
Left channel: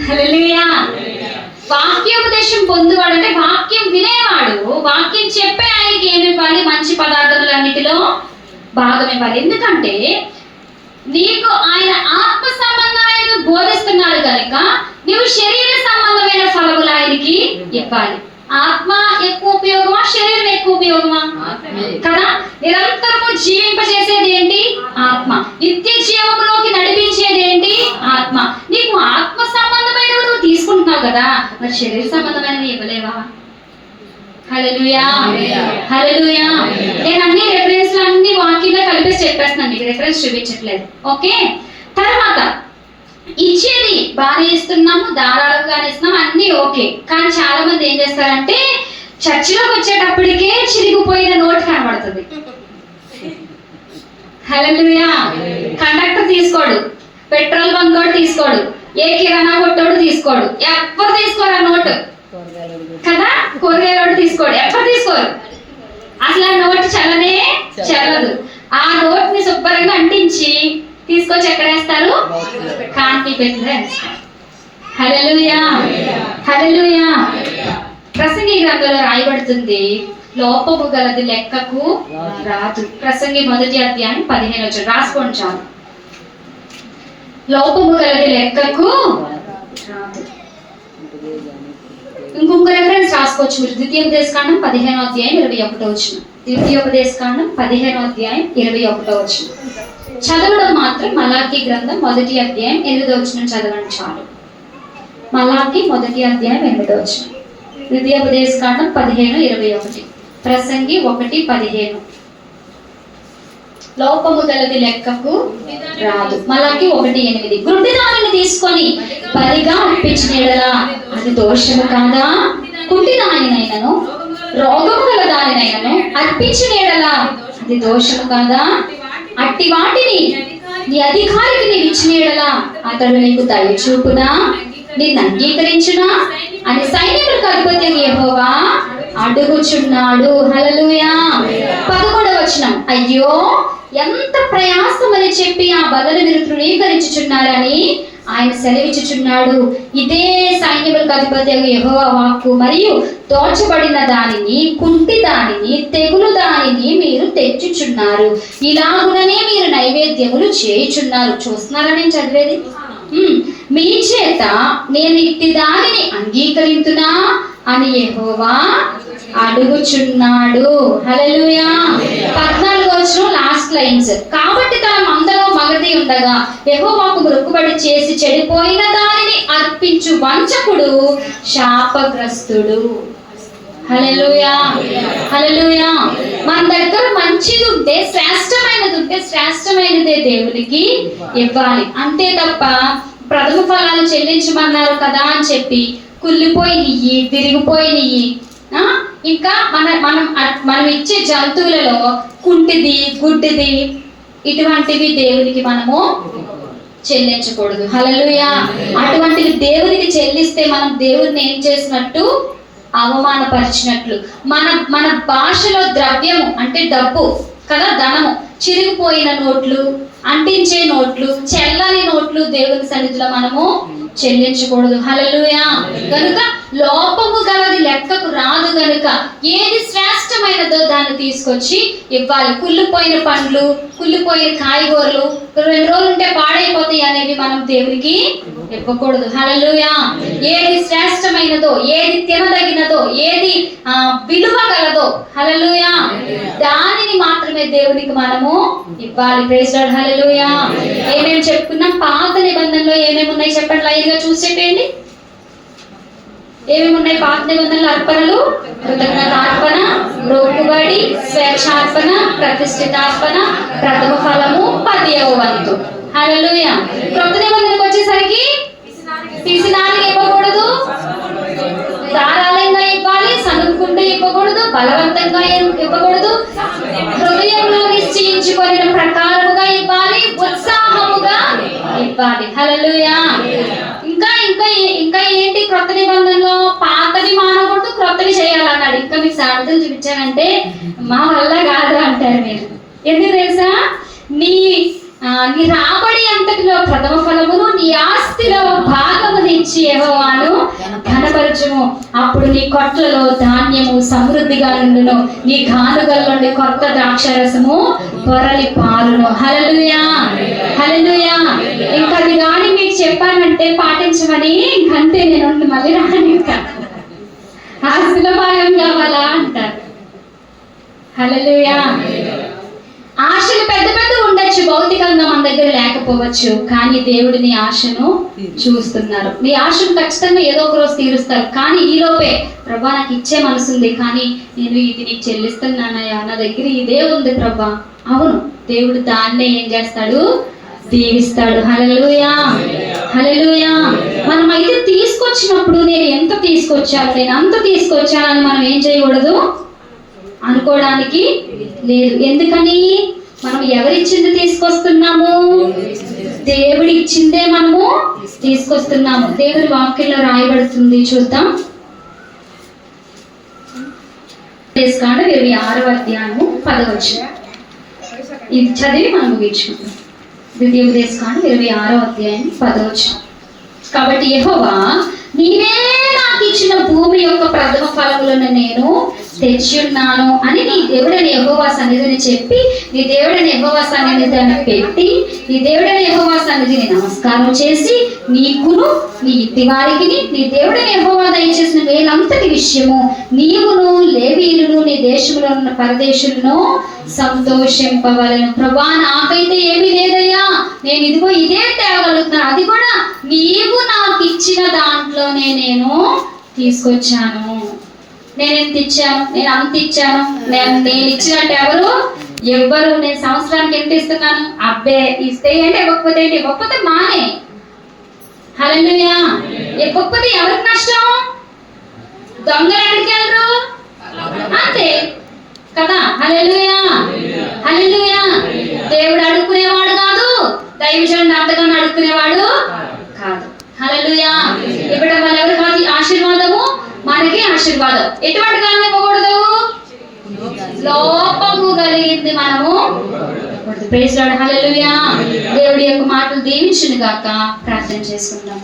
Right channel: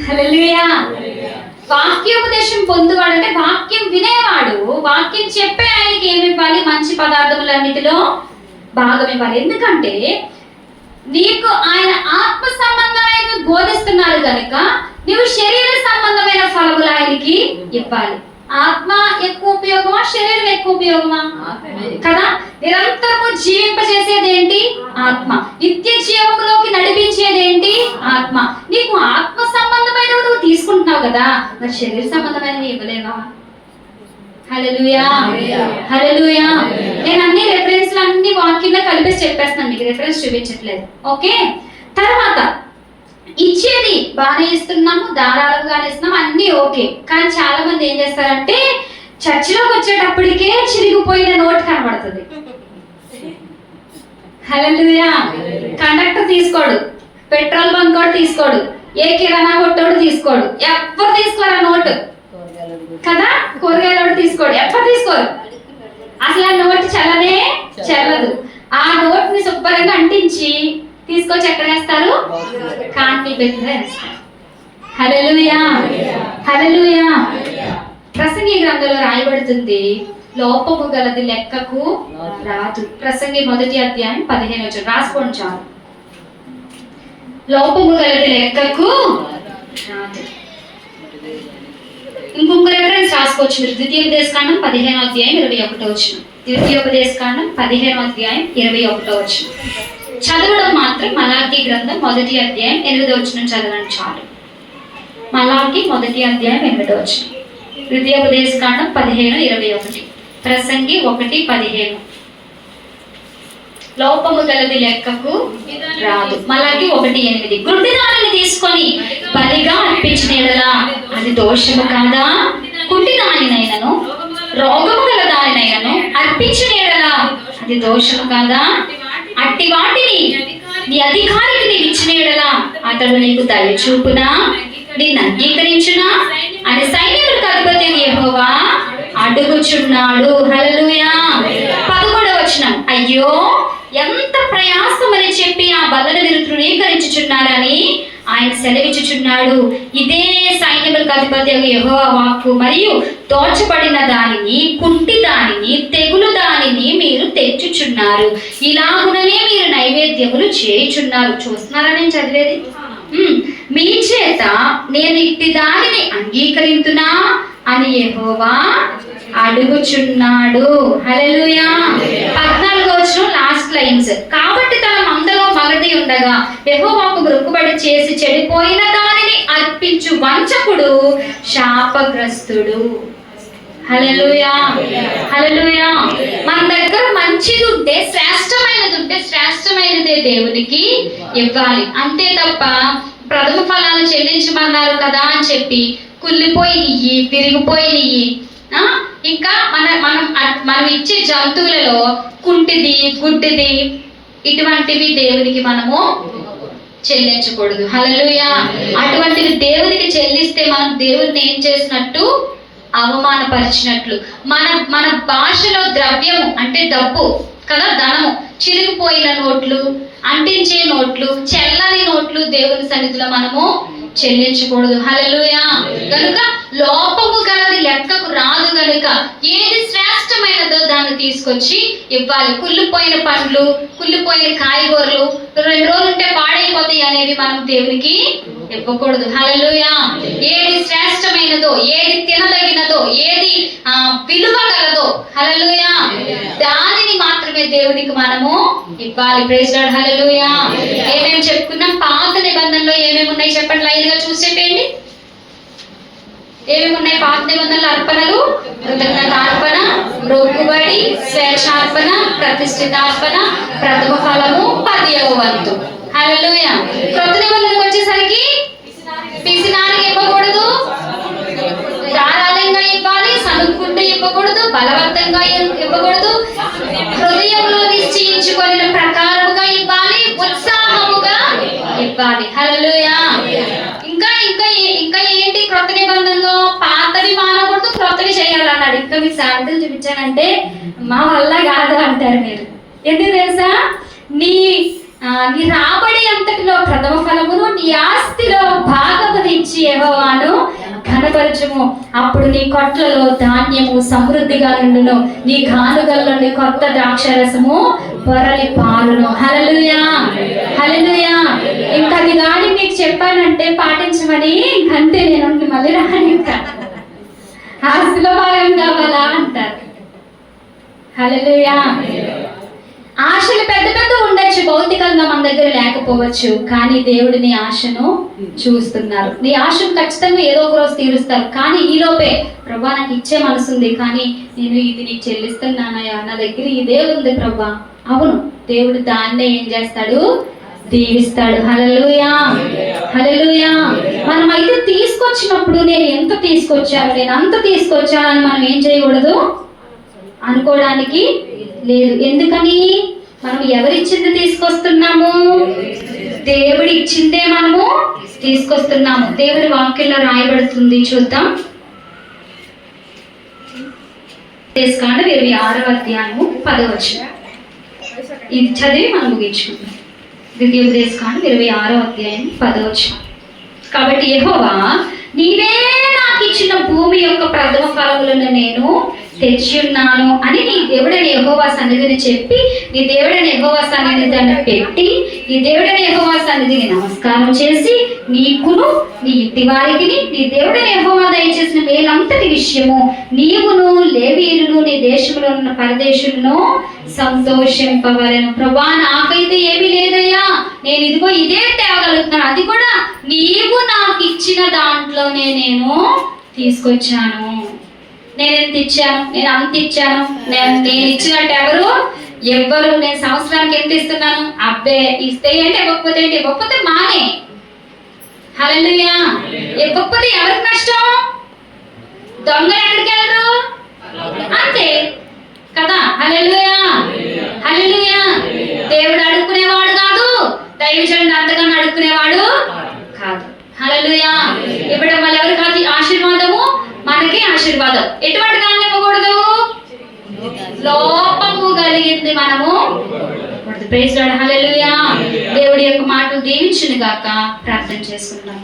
హల్లెలూయా. వాక్యోపదేశం పొందువాడు అంటే వాక్యం వినేవాడు, వాక్యం చెప్పే ఆయనకి ఏమి ఇవ్వాలి? మంచి పదార్థములన్నిటిలో భాగం ఇవ్వాలి. ఎందుకంటే నీకు ఆయన ఆత్మ సంబంధమైన బోధిస్తున్నాడు కనుక నువ్వు శరీర సంబంధమైన ఫలములు ఆయనకి ఇవ్వాలి. ఆత్మ ఎక్కువ ఉపయోగమా, శరీరం ఎక్కువ ఉపయోగమా? కదా. నిరంతరము జీవింపజేసేది ఏంటి? ఆత్మ. నిత్య జీవములోకి నడిపించేది ఏంటి? ఆత్మ. నీకు ఆత్మ సంబంధమైనవి నువ్వు తీసుకుంటున్నావు కదా, మరి శరీర సంబంధమైనవి ఇవ్వలేవా? హల్లెలూయా, హల్లెలూయా. నేను అన్ని రెఫరెన్స్లు అన్ని వాక్యంగా కలిపేసి చెప్పేస్తున్నాను, మీకు రెఫరెన్స్ చూపించట్లేదు. ఓకే. తర్వాత ఇచ్చేది బాగానే ఇస్తున్నాము, ధారాళంగానే ఇస్తున్నాము, అన్ని ఓకే. కానీ చాలా మంది ఏం చేస్తారంటే చర్చిలోకి వచ్చేటప్పటికే చిరిగిపోయిన నోట్ కనబడుతుంది. హల్లెలూయా. కండక్టర్ తీసుకోడు, పెట్రోల్ బంక్ కూడా తీసుకోడు, ఏ కిరాణా కొట్టోడు తీసుకోడు, ఎవ్వరు తీసుకోరు ఆ నోటు కదా. కూరగాయలు తీసుకోడు, ఎవ్వరు తీసుకోరు. అసలు ఆ నోటు చల్లనే చల్లదు. ఆ నోట్ ని శుభ్రంగా అంటించి తీసుకొచ్చి ఎక్కడ వేస్తారు? కాంతి పెట్టిలో వేస్తారు. హల్లెలూయా, హల్లెలూయా. ప్రసంగి గ్రంథంలో రాయబడుతుంది, లోపము గలది లెక్కకు రాదు. ప్రసంగి 1వ అధ్యాయం 15వ వచనం రాసుకోండి చాలు. లోపము గలది లెక్కకు రాదు. ఇంకొక రెఫరెన్స్ రాసుకోవచ్చు మీరు. ద్వితీయోపదేశకాండం 15వ అధ్యాయం 21వ వచనం. ద్వితీయోపదేశకాండం 15వ అధ్యాయం 21వ వచనం. చదవడం మాత్రం మలాకి గ్రంథం 1వ అధ్యాయం 8వ వచనం చదవండి చాలు. మలాకి 1వ అధ్యాయం 8వ వచనం. ద్వితీయోపదేశకాండం 15:21. ప్రసంగి 1:15. లోపము గలది లెక్కకు రాదు. మలాకి 1:8. గుడ్డి దానిని తీసుకొని బలిగా అర్పించిన యెడల అది దోషము కాదా? కుంటి దానినైనను రోగము గల దానినైనను అర్పించిన యెడల అది దోషము కాదా? అట్టి వాటిని నీ అధికారికి నీవు ఇచ్చిన యెడల అతడు నీకు దయ చూపునా, నిన్ను అంగీకరించునా అని సైన్యములకు అధిపతి యెహోవా అడుగుచున్నాడు. హల్లెలూయా. 11వ వచనం. అయ్యో ఎంత ప్రయాసమని చెప్పి ఆ బదులు మీరు తృణీకరించుచున్నారని ఆయన సెలవిచ్చుచున్నాడు. ఇదే సైన్యములకు అధిపతి యెహోవా వాక్కు. మరియు దోచబడిన దానిని, కుంటి దానిని, తెగులు దానిని మీరు తెచ్చుచున్నారు. ఇలాగుననే మీరు నైవేద్యములు చేయుచున్నారు. చూస్తున్నారా నేను చదివేది? మీ చేత నేను ఇట్టి దానిని అంగీకరించునా అని యెహోవా అడుగుచున్నాడు. హల్లెలూయా. 14వ వచనం లాస్ట్ లైన్స్. కాబట్టి తన మందలో మగది ఉండగా యెహోవాకు మొక్కుబడి చేసి చెడిపోయిన దానిని అర్పించు వంచకుడు శాపగ్రస్తుడు. హల్లెలూయా, హల్లెలూయా. మన దగ్గర మంచిది ఉంటే, శ్రేష్టమైనది ఉంటే శ్రేష్టమైనదే దేవునికి ఇవ్వాలి. అంతే తప్ప ప్రథమ ఫలాలు చెల్లించమన్నారు కదా అని చెప్పి కుళ్ళిపోయినవి, విరిగిపోయినవి, ఇంకా మనం ఇచ్చే జంతువులలో కుంటిది, గుడ్డిది, ఇటువంటివి దేవునికి మనము చెల్లించకూడదు. హల్లెలూయా. అటువంటివి దేవునికి చెల్లిస్తే మనం దేవుడిని ఏం చేసినట్టు? అవమానపరిచినట్లు. మన భాషలో ద్రవ్యము అంటే డబ్బు కదా, ధనము, చిరిగిపోయిన నోట్లు, అంటించే నోట్లు, చెల్లని నోట్లు దేవుని సన్నిధిలో మనము చెల్లించకూడదు. హల్లెలూయా. కనుక లోపము గలది లెక్కకు రాదు గనుక ఏది శ్రేష్టమైనదో దాన్ని తీసుకొచ్చి ఇవ్వాలి. కుళ్ళిపోయిన పండ్లు, కుళ్ళిపోయిన కాయగూరలు 2 రోజులు ఉంటే పాడైపోతాయి అనేవి మనం దేవునికి ఇవ్వకూడదు. హల్లెలూయా. ఏది శ్రేష్టమైనదో, ఏది తినదగినదో, ఏది విలువ గలదో, హల్లెలూయా, దానిని మాత్రమే దేవునికి మనము ఇవ్వాలి. Praise Lord. హల్లెలూయా. ఏమేమి చెప్పుకున్నాం? పాత నిబంధన ఏమేమి ఉన్నాయి చెప్పండి, లైన్గా చూసి చెప్పేయండి. ఏమేమి ఉన్నాయి? పాత నిబంధనల అర్పణలు, కృతజ్ఞతార్పణ, మ్రొక్కుబడి, స్వేచ్ఛార్పణ, ప్రతిష్ఠితార్పణ, ప్రథమ ఫలము, 10వ వంతు. హల్లెలూయా. క్రొత్త నిబంధనకు వచ్చేసరికి పిసినారికి ఇవ్వకూడదు, ధారాళంగా ఇవ్వాలి, సనుక్కుంటూ ఇవ్వకూడదు, బలవంతంగా ఇవ్వకూడదు, హృదయంలో నిశ్చయించుకొని ప్రకారముగా ఇవ్వాలి, ఉత్సాహముగా ఇవ్వాలి. హల్లెలూయా. ఇంకా ఇంకా ఇంకా ఏంటి క్రొత్త నిబంధనలో? పాతవి మానకూడదు, క్రొత్తవి చేయాలన్నాడు. ఇంకా మీకు సాధ్యతలు చూపించానంటే మా వల్ల కాదు అంటారు మీరు. ఎందుకు తెలుసా? నీ రాబడి అంతటిలో ప్రథమ ఫలమును, నీ ఆస్తిలో భాగమునిచ్చి యెహోవాను ఘనపరచుము. అప్పుడు నీ కొట్లలో ధాన్యము సమృద్ధిగా నుండును, నీ గానుగల నుండి కొత్త ద్రాక్షరసము పొరలి పారును. హల్లెలూయా, హల్లెలూయా. ఇంకా అది కానీ మీకు చెప్పానంటే పాటించమని, ఇంకంతే, నేను మళ్ళీ రాను. ఇంకా ఆస్తిలో భాగం కావాలా అంటారు. హల్లెలూయా. ఆశలు పెద్ద పెద్ద ఉండొచ్చు, భౌతికంగా మన దగ్గర లేకపోవచ్చు, కానీ దేవుడు నీ ఆశను చూస్తున్నారు. నీ ఆశను ఖచ్చితంగా ఏదో ఒక రోజు తీరుస్తారు. కానీ ఈలోపే ప్రభా నాకు ఇచ్చే మనసు ఉంది, కానీ నేను ఇది నీకు చెల్లిస్తున్నానయ్యా, నా దగ్గర ఇదే ఉంది ప్రభా. అవును, దేవుడు దాన్నే ఏం చేస్తాడు? దీవిస్తాడు. హల్లెలూయా, హల్లెలూయా. మనం అయితే తీసుకొచ్చినప్పుడు నేను ఎంత తీసుకొచ్చాను, నేను అంత తీసుకొచ్చానని మనం ఏం చేయకూడదు, అనుకోవడానికి లేదు. ఎందుకని? మనం ఎవరిచ్చింది తీసుకొస్తున్నాము? దేవుడి ఇచ్చిందే మనము తీసుకొస్తున్నాము. దేవుడి వాక్యంలో రాయబడుతుంది, చూద్దాం. 26వ అధ్యాయము 10వ వచనం. ఇది చదివి మనం ముగించుకుందాం. ద్వితీయోపదేశకాండం 26వ అధ్యాయం 10వ వచనం. కాబట్టి యెహోవా, నీవే నాకు ఇచ్చిన భూమి యొక్క ప్రథమ ఫలములను నేను తెచ్చి ఉన్నాను అని నీ దేవుడైన యెహోవా సన్నిధిని చెప్పి, నీ దేవుడైన యెహోవా సన్నిధిని దాన్ని పెట్టి, నీ దేవుడైన యెహోవా సన్నిధిని నమస్కారం చేసి, నీకును నీ ఇంటి వారికి నీ దేవుడైన యెహోవా దయచేసిన మేలంతటి విషయము నీవును లేవీయులను నీ దేశంలో ఉన్న పరదేశులను సంతోషింపవలెను. ప్రభా, నాకైతే ఏమీ లేదయ్యా, నేను ఇదిగో ఇదే తేగలుగుతున్నాను, అది కూడా నీవు నాకు ఇచ్చిన దాంట్లోనే నేను తీసుకొచ్చాను. నేను ఎంత ఇచ్చాను? నేను అంత ఇచ్చాను. నేను ఇచ్చినట్టు ఎవ్వరు నేను సంవత్సరానికి ఎంత ఇస్తున్నాను? అబ్బే, ఇస్తే ఏంటి, ఇవ్వకపోతే ఏంటి? ఇవ్వకపోతే మానే. హల్లెలూయా. ఇవ్వకపోతే ఎవరికి నష్టం? దొంగలు ఎక్కడికి వెళ్ళరు? అంతే కదా. హల్లెలూయా, హల్లెలూయా. దేవుడు అడుక్కునేవాడు కాదు, దైవజనుడు అంతగానో అడుక్కునేవాడు కాదు. హల్లెలూయా. ఇవ్వడం వల్ల ఎవరికి ఆశీర్వాదము? మనకి ఆశీర్వాదం. ఎటువంటి కాలం ఇవ్వకూడదు? లోపము కలిగింది మనము. Praise Lord. హల్లెలూయా. దేవుడి యొక్క మాటలు దీవించును గాక. ప్రార్థన చేసుకుందాం.